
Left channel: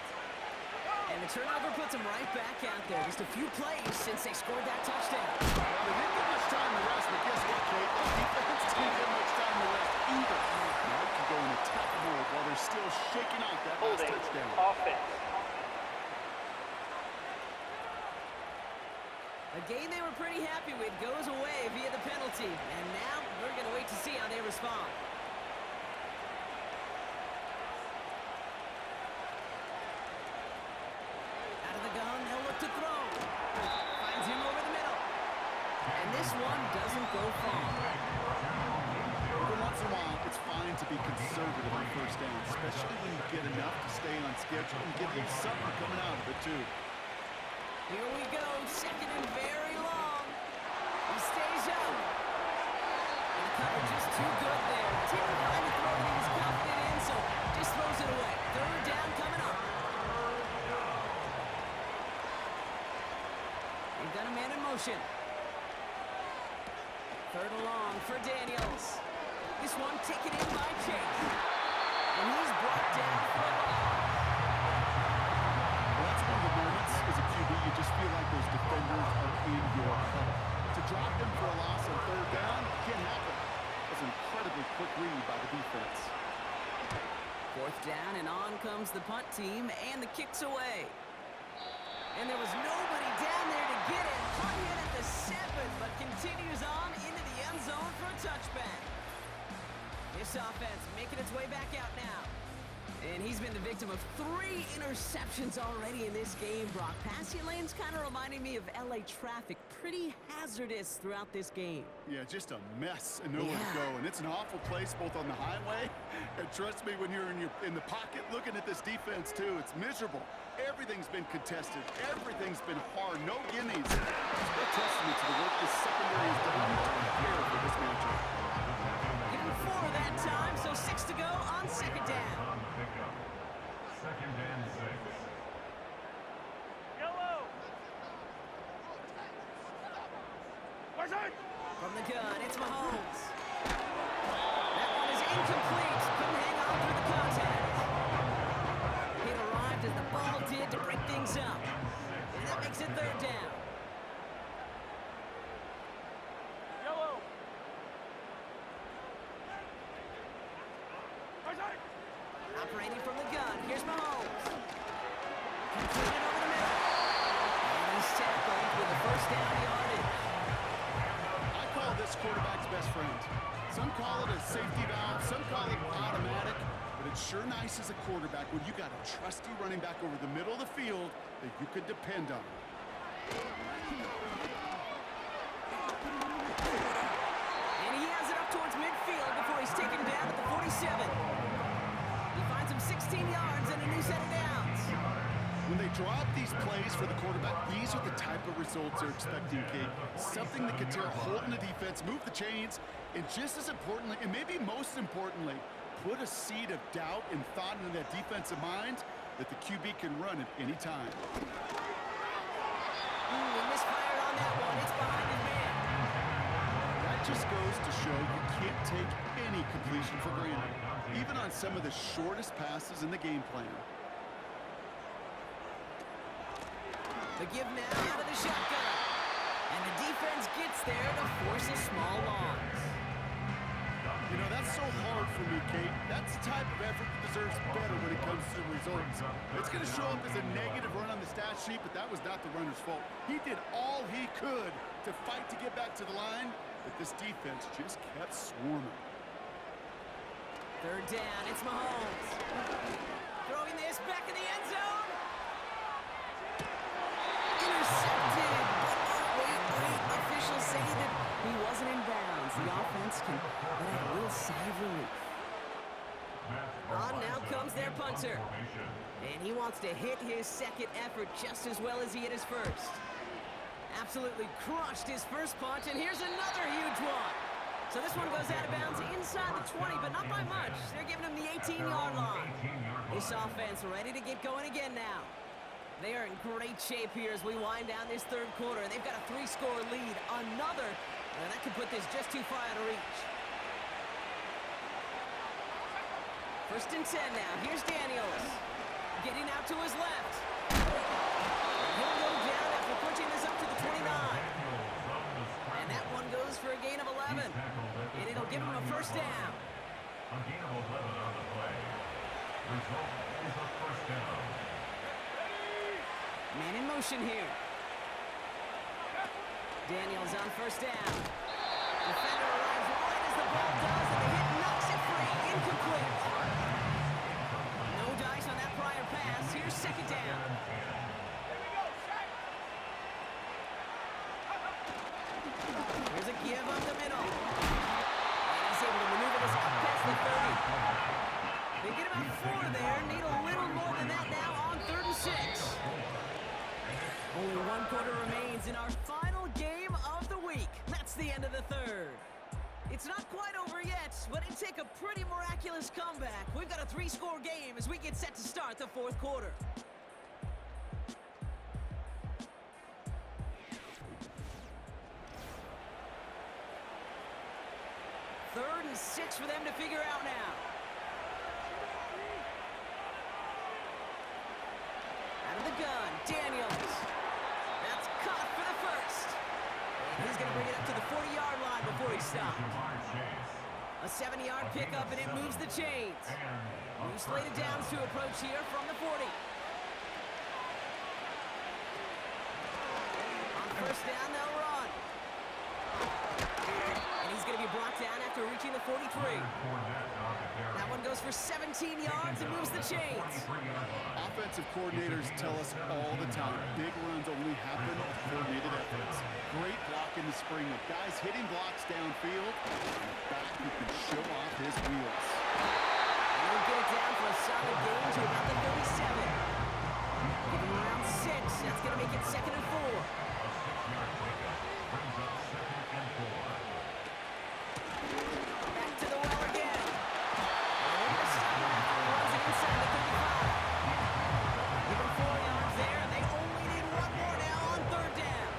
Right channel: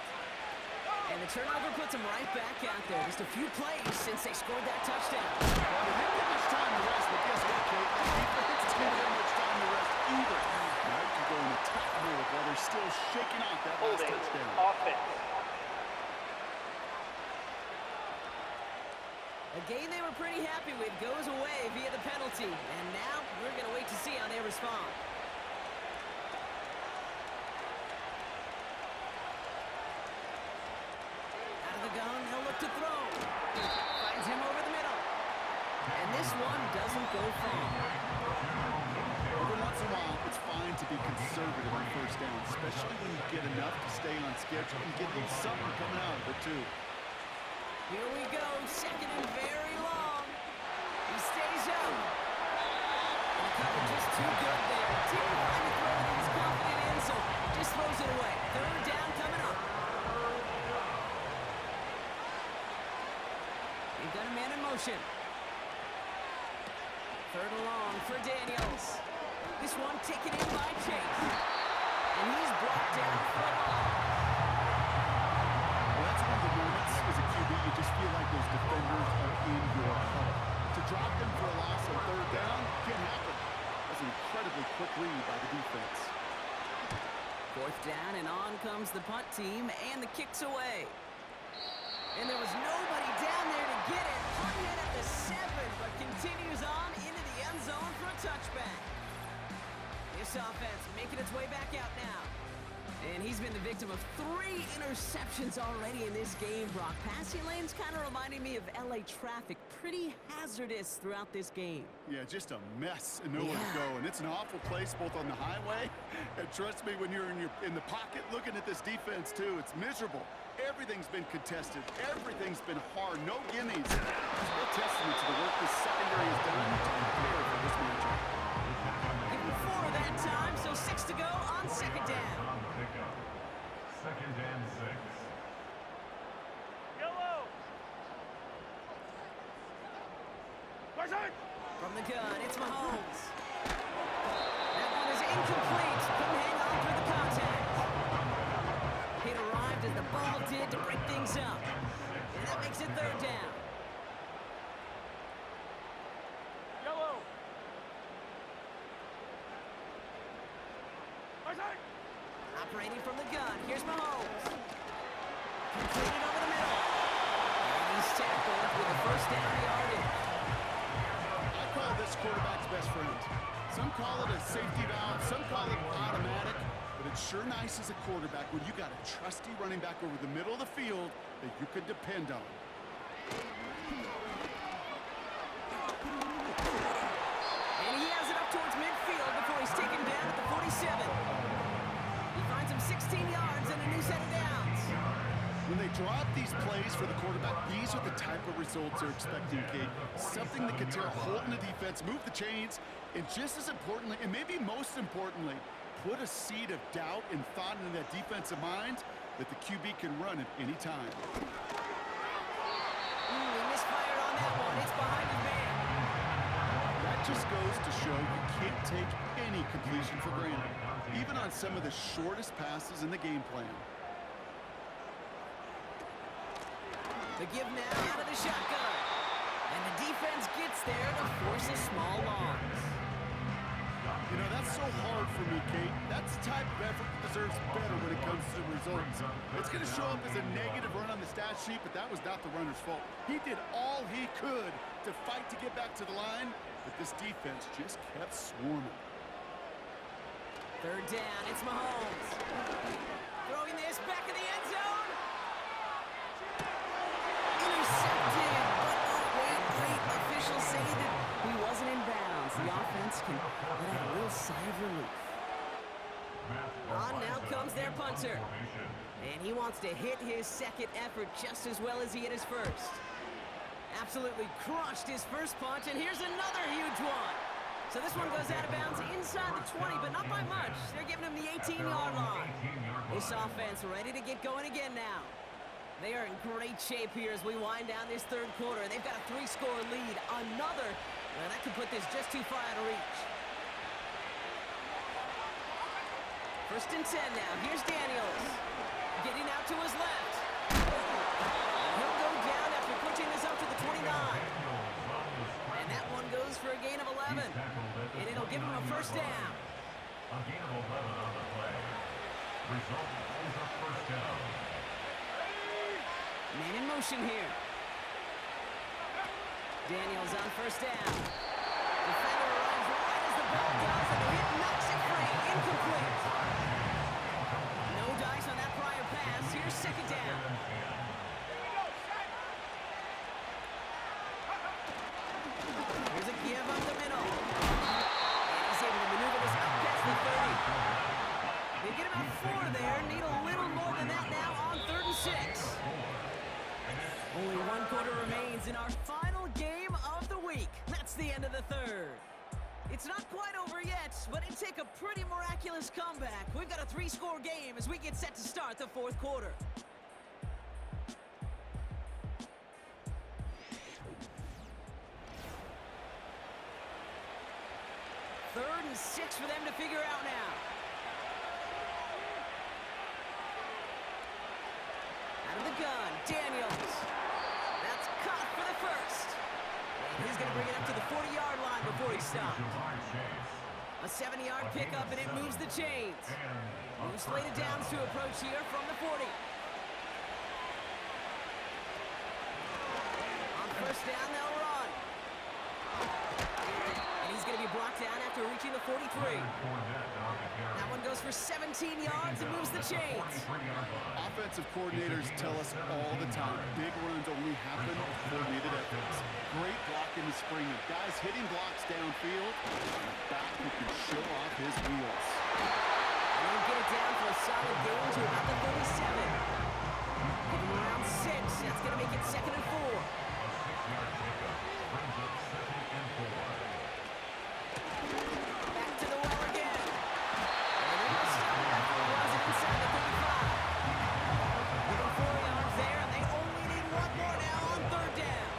And the turnover puts them right back out there. Just a few plays since they scored that touchdown. Well, they didn't get much time to rest, but guess what, Kate? That defense didn't get much time to rest either. Now you can go in attack mode while they're still shaking off that last Holding touchdown. offense. It goes away via the penalty. And now we're going to wait to see how they respond. Out of the gun, they'll look to throw. Finds him over the middle. And this one doesn't go far. Every once in a while, it's fine to be conservative on first down, especially when you get enough to stay on schedule and get a little something coming out of it, too. Here we go, second and very long. He stays up. And the cover just too good there. Didn't find the throw that he was confident in, so just throws it away. Third down coming up. They've got a man in motion. Third and long for Daniels. This one taken in by Chase. And he's brought down for a loss. Well, that's one of the moments as a QB, you just feel like those defenders are in your huddle. To drop them for a loss on third down can't happen. That's an incredibly quick read by the defense. Fourth down, and on comes the punt team, and the kick's away. And there was nobody down there to get it. Hung in at the 7, but continues on into the end zone for a touchback. This offense making its way back out now. And he's been the victim of 3 interceptions already in this game, Brock. Passing lanes kind of reminding me of LA traffic. Pretty hazardous throughout this game. Yeah, just a mess and nowhere to go. And it's an awful place both on the highway, and trust me, when you're in the pocket looking at this defense too, it's miserable. Everything's been contested. Everything's been hard. No gimmies. It's a testament to the work this secondary has done to prepare for this matchup. Give him 4 that time, so 6 to go on second down. On the pickup. Second and 6. Yellow. From the gun, it's Mahomes. That one is incomplete. Couldn't hang on through the contact. It arrived as the ball did to break things up. And that makes it third down. Yellow. Operating from the gun, here's Mahomes. Completed over the middle. And he's tackled with a first down yardage. I call this quarterback's best friend. Some call it a safety valve, some call it automatic, but it's sure nice as a quarterback when you got a trusty running back over the middle of the field that you could depend on. And he has it up towards midfield before he's taken down at the 47. He finds him 16 yards and a new set of downs. When they draw up these plays for the quarterback, these are the type of results they're expecting, Kate. Something that can tear a hole in the defense, move the chains, and just as importantly, and maybe most importantly, put a seed of doubt and thought into that defensive mind that the QB can run at any time. He misfired on that one. It's behind his man. That just goes to show you can't take any completion for granted, even on some of the shortest passes in the game plan. The give now out of the shotgun. And the defense gets there to force a small loss. You know, that's so hard for me, Kate. That's the type of effort that deserves better when it comes to the results. It's going to show up as a negative run on the stat sheet, but that was not the runner's fault. He did all he could to fight to get back to the line, but this defense just kept swarming. Third down, it's Mahomes. Throwing this back in the end zone. Intercepted, but oh, wait. Officials say that he wasn't in bounds. The offense can let out a little sigh of relief. On now comes their punter. And he wants to hit his second effort just as well as he hit his first. Absolutely crushed his first punt, and here's another huge one. So this one goes out of bounds inside the 20, but not by much. They're giving him the 18-yard line. This offense ready to get going again now. They are in great shape here as we wind down this third quarter. They've got a 3-score lead. Another, well, that could put this just too far out of reach. First and 10 now. Here's Daniels. Getting out to his left. And he'll go down after pushing this up to the 29. And that one goes for a gain of 11. And it'll give him a first down. A gain of 11 on the play. Result is a first down. Man in motion here. Daniels on first down. Defender arrives right as the ball does, and the hit knocks it free. Incomplete. No dice on that prior pass. Here's second down. Here's a give up the middle. And he's able to maneuver this up past the 30. They get about 4 there. Need a little more than that now on 3rd and 6. Only 1 quarter remains in our final game of the week. That's the end of the 3rd. It's not quite over yet, but it'd take a pretty miraculous comeback. We've got a 3-score game as we get set to start the 4th quarter. Third and 6 for them to figure out now. Out of the gun, Daniels. That's caught for the first. And he's going to bring it up to the 40-yard line before he stops. A 7-yard pickup, and it moves the chains. New slated downs to approach here from the 40. On first down, they'll run. And he's going to be brought down after reaching the 43. That one goes for 17 yards and moves the chains. Offensive coordinators tell us all the time, big runs only happen with coordinated efforts. Great block in the spring of guys hitting blocks downfield, and a back who can show off his wheels. And he'll get it down for a solid gain to about the 37. Give him around 6. That's going to make it 2nd and 4. A 6-yard pickup brings up 2nd and 4. Back to the well again. And they're going to stop him after he runs it inside the 35. Give him 4 yards there, and they only need 1 more now on 3rd down.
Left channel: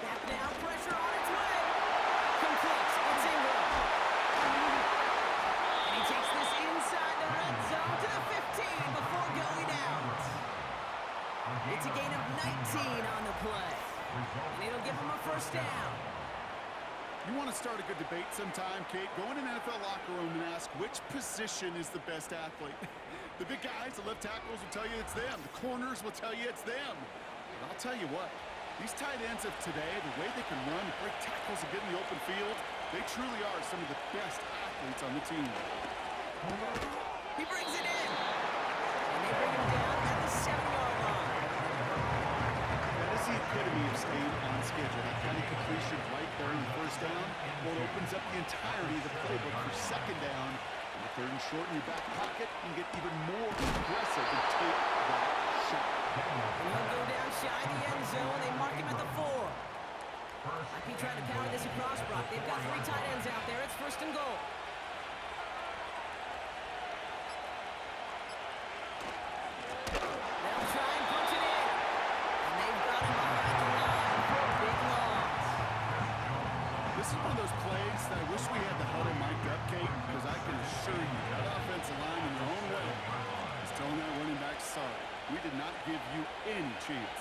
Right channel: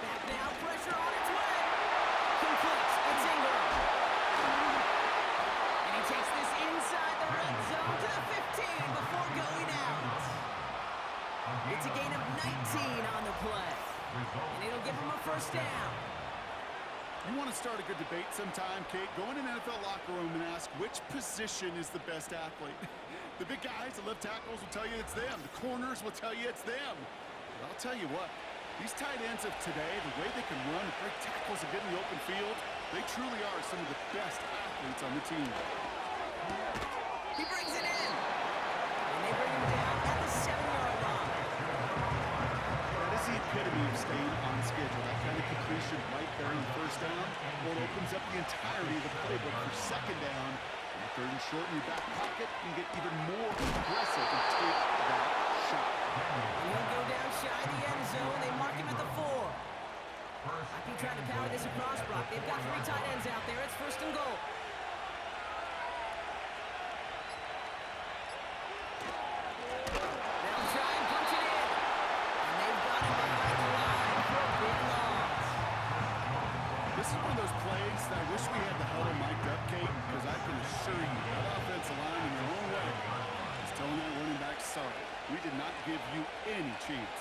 Back now, pressure on its way. Complete. It's Ingram. And he takes this inside the red zone to the 15 before going out. It's a gain of 19 on the play. And it'll give him a first down. You want to start a good debate sometime, Kate? Go in an NFL locker room and ask which position is the best athlete. The big guys, the left tackles will tell you it's them. The corners will tell you it's them. But I'll tell you what, these tight ends of today, the way they can run and break tackles and get in the open field, they truly are some of the best athletes on the team. He brings it in. And they bring him down at the 7-yard line. That is the epitome of staying on schedule. That kind of completion right there on first down. Well, it opens up the entirety of the playbook for second down. And the 3rd and short in your back pocket, you can get even more aggressive and take that shot. And he'll go down shy of the end zone. They mark him at the 4. Might be trying to power this across, Brock. They've got 3 tight ends out there. It's 1st and goal. They'll try and punch it in. And they've got him behind the line for a big loss. This is one of those plays that I wish we had the huddle mic'd up, Kate, because I can assure you that offensive line in their own way is telling that running back, sorry, we did not give you any chance.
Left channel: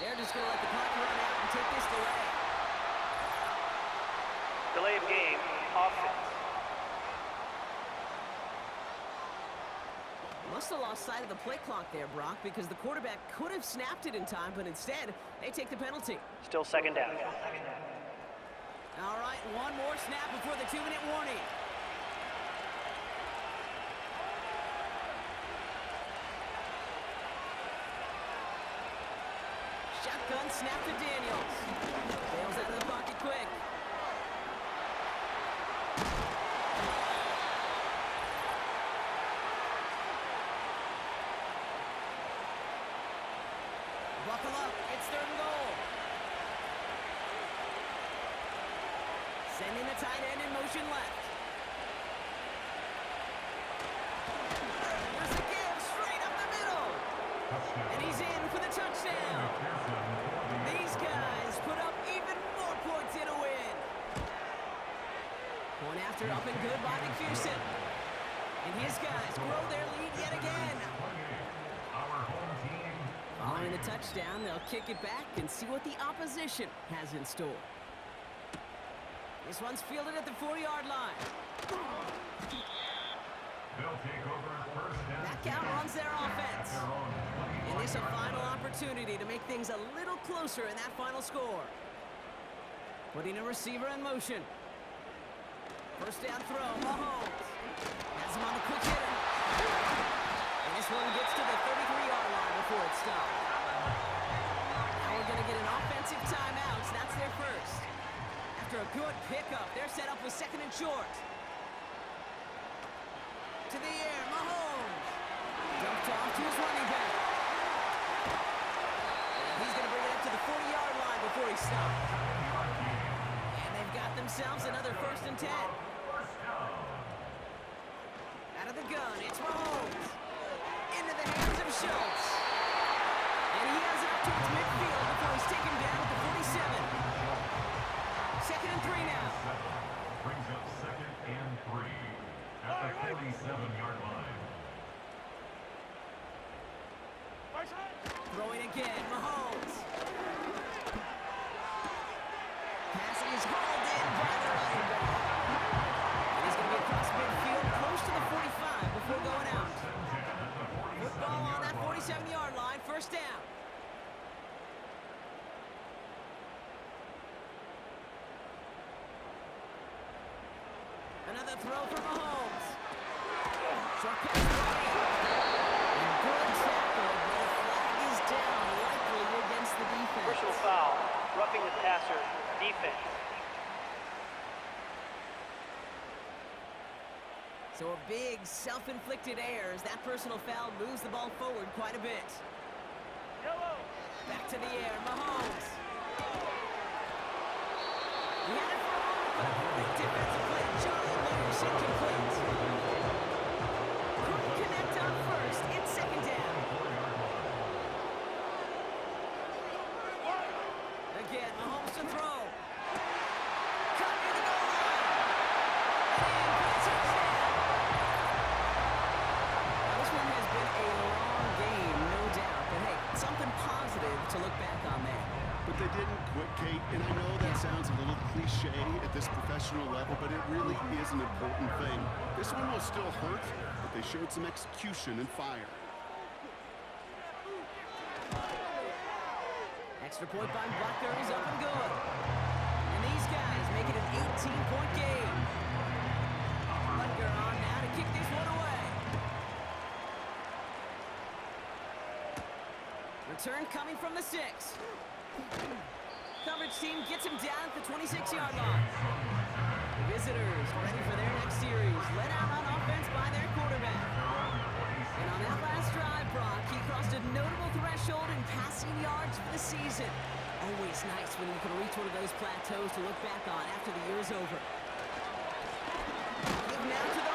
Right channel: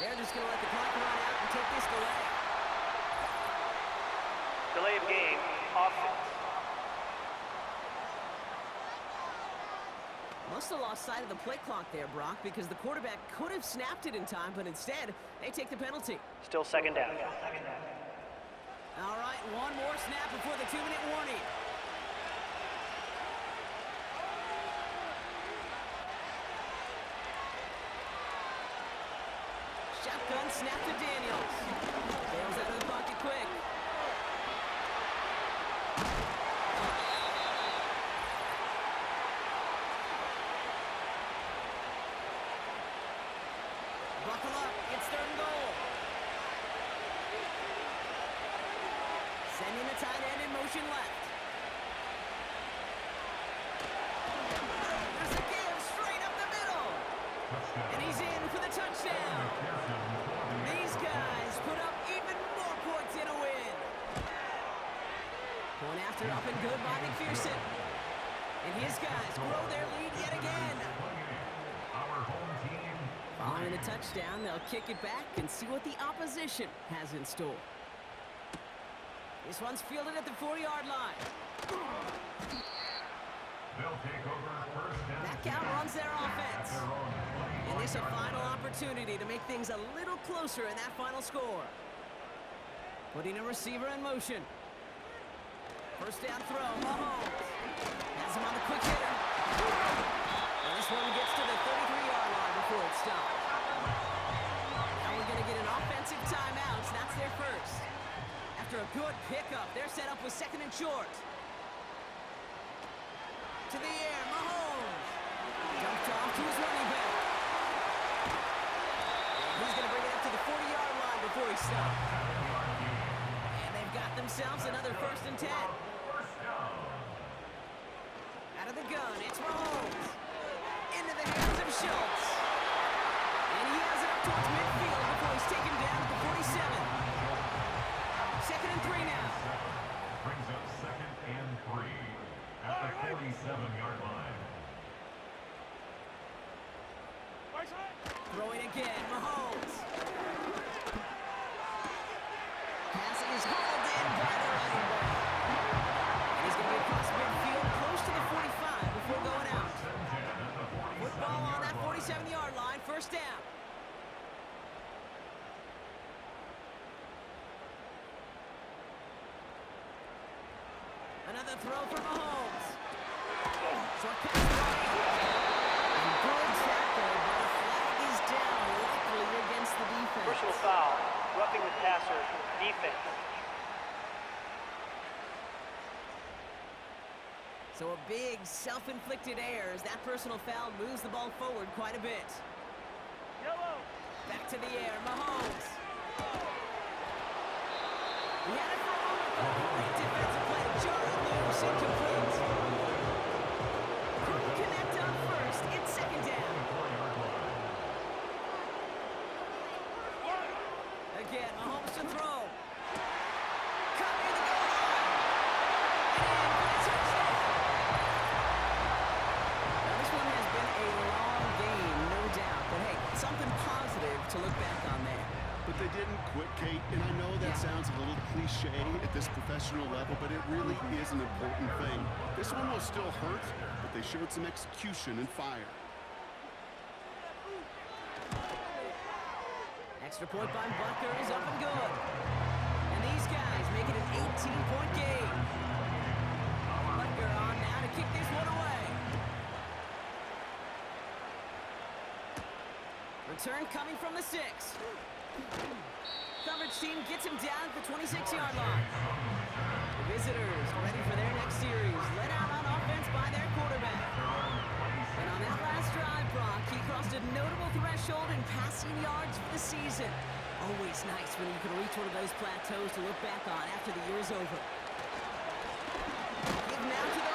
They're just going to let the clock run out and take this delay. Delay of game, offense. Must have lost sight of the play clock there, Brock, because the quarterback could have snapped it in time, but instead, they take the penalty. Still 2nd down. All right, 1 more snap before the 2-minute warning. Shotgun snap to Daniels. Bails out of the pocket quick. Buckle up. It's 3rd and goal. Sending the tight end in motion left. There's a give straight up the middle. And he's in for the touchdown. These guys put up even more points in a win. Point after up and good by McPherson. And his guys grow their lead yet again. Following the touchdown, they'll kick it back and see what the opposition has in store. This one's fielded at the 40-yard line. They'll take over first down. That count runs their offense. And this a final opportunity to make things a little closer in that final score. Putting a receiver in motion. First down throw, Mahomes. Has him on the quick hitter. And this one gets to the 33-yard line before it stopped. Now we're going to get an offensive timeout. That's their first. After a good pickup, they're set up with second and short. To the air, Mahomes. Dumped off to his running back. And he's going to bring it up to the 40-yard line before he stops. And they've got themselves another first and 10. Out of the gun, it's Mahomes. Into the hands of Schultz. And he has it up towards midfield before he's taken down at the 47. Second and 3 now. Brings up second and 3 at the 47-yard line. Throwing again, Mahomes. Pass is hauled in by the running back. And he's going to be across midfield, close to the 45 before going out. Football on that 47-yard line, first down. Another throw for Mahomes. Short pass right. And good tackle, but a flag is down, likely against the defense. Personal foul, roughing the passer, defense. So a big self-inflicted error as that personal foul moves the ball forward quite a bit. Yellow. Back to the air, Mahomes. He had it for a moment, but a great defensive play to jar it loose, incomplete. Couldn't connect on first, it's second down. Again, Mahomes to throw. Caught near the goal line. And in for the touchdown. Now this one has been a long game, no doubt. But hey, something positive to look back on there. But they didn't quit, Kate, and I know that sounds a little cliche at this professional level, but it really is an important thing. This one will still hurt, but they showed some execution and fire. Extra point by Butker is up and good. And these guys make it an 18-point game. Butker on now to kick this one away. Return coming from the 6. Coverage team gets him down at the 26-yard line. The visitors ready for their next series. Led out on offense by their quarterback. And on that last drive, Brock, he crossed a notable threshold in passing yards for the season. Always nice when you can reach one of those plateaus to look back on after the year's over. Give now to the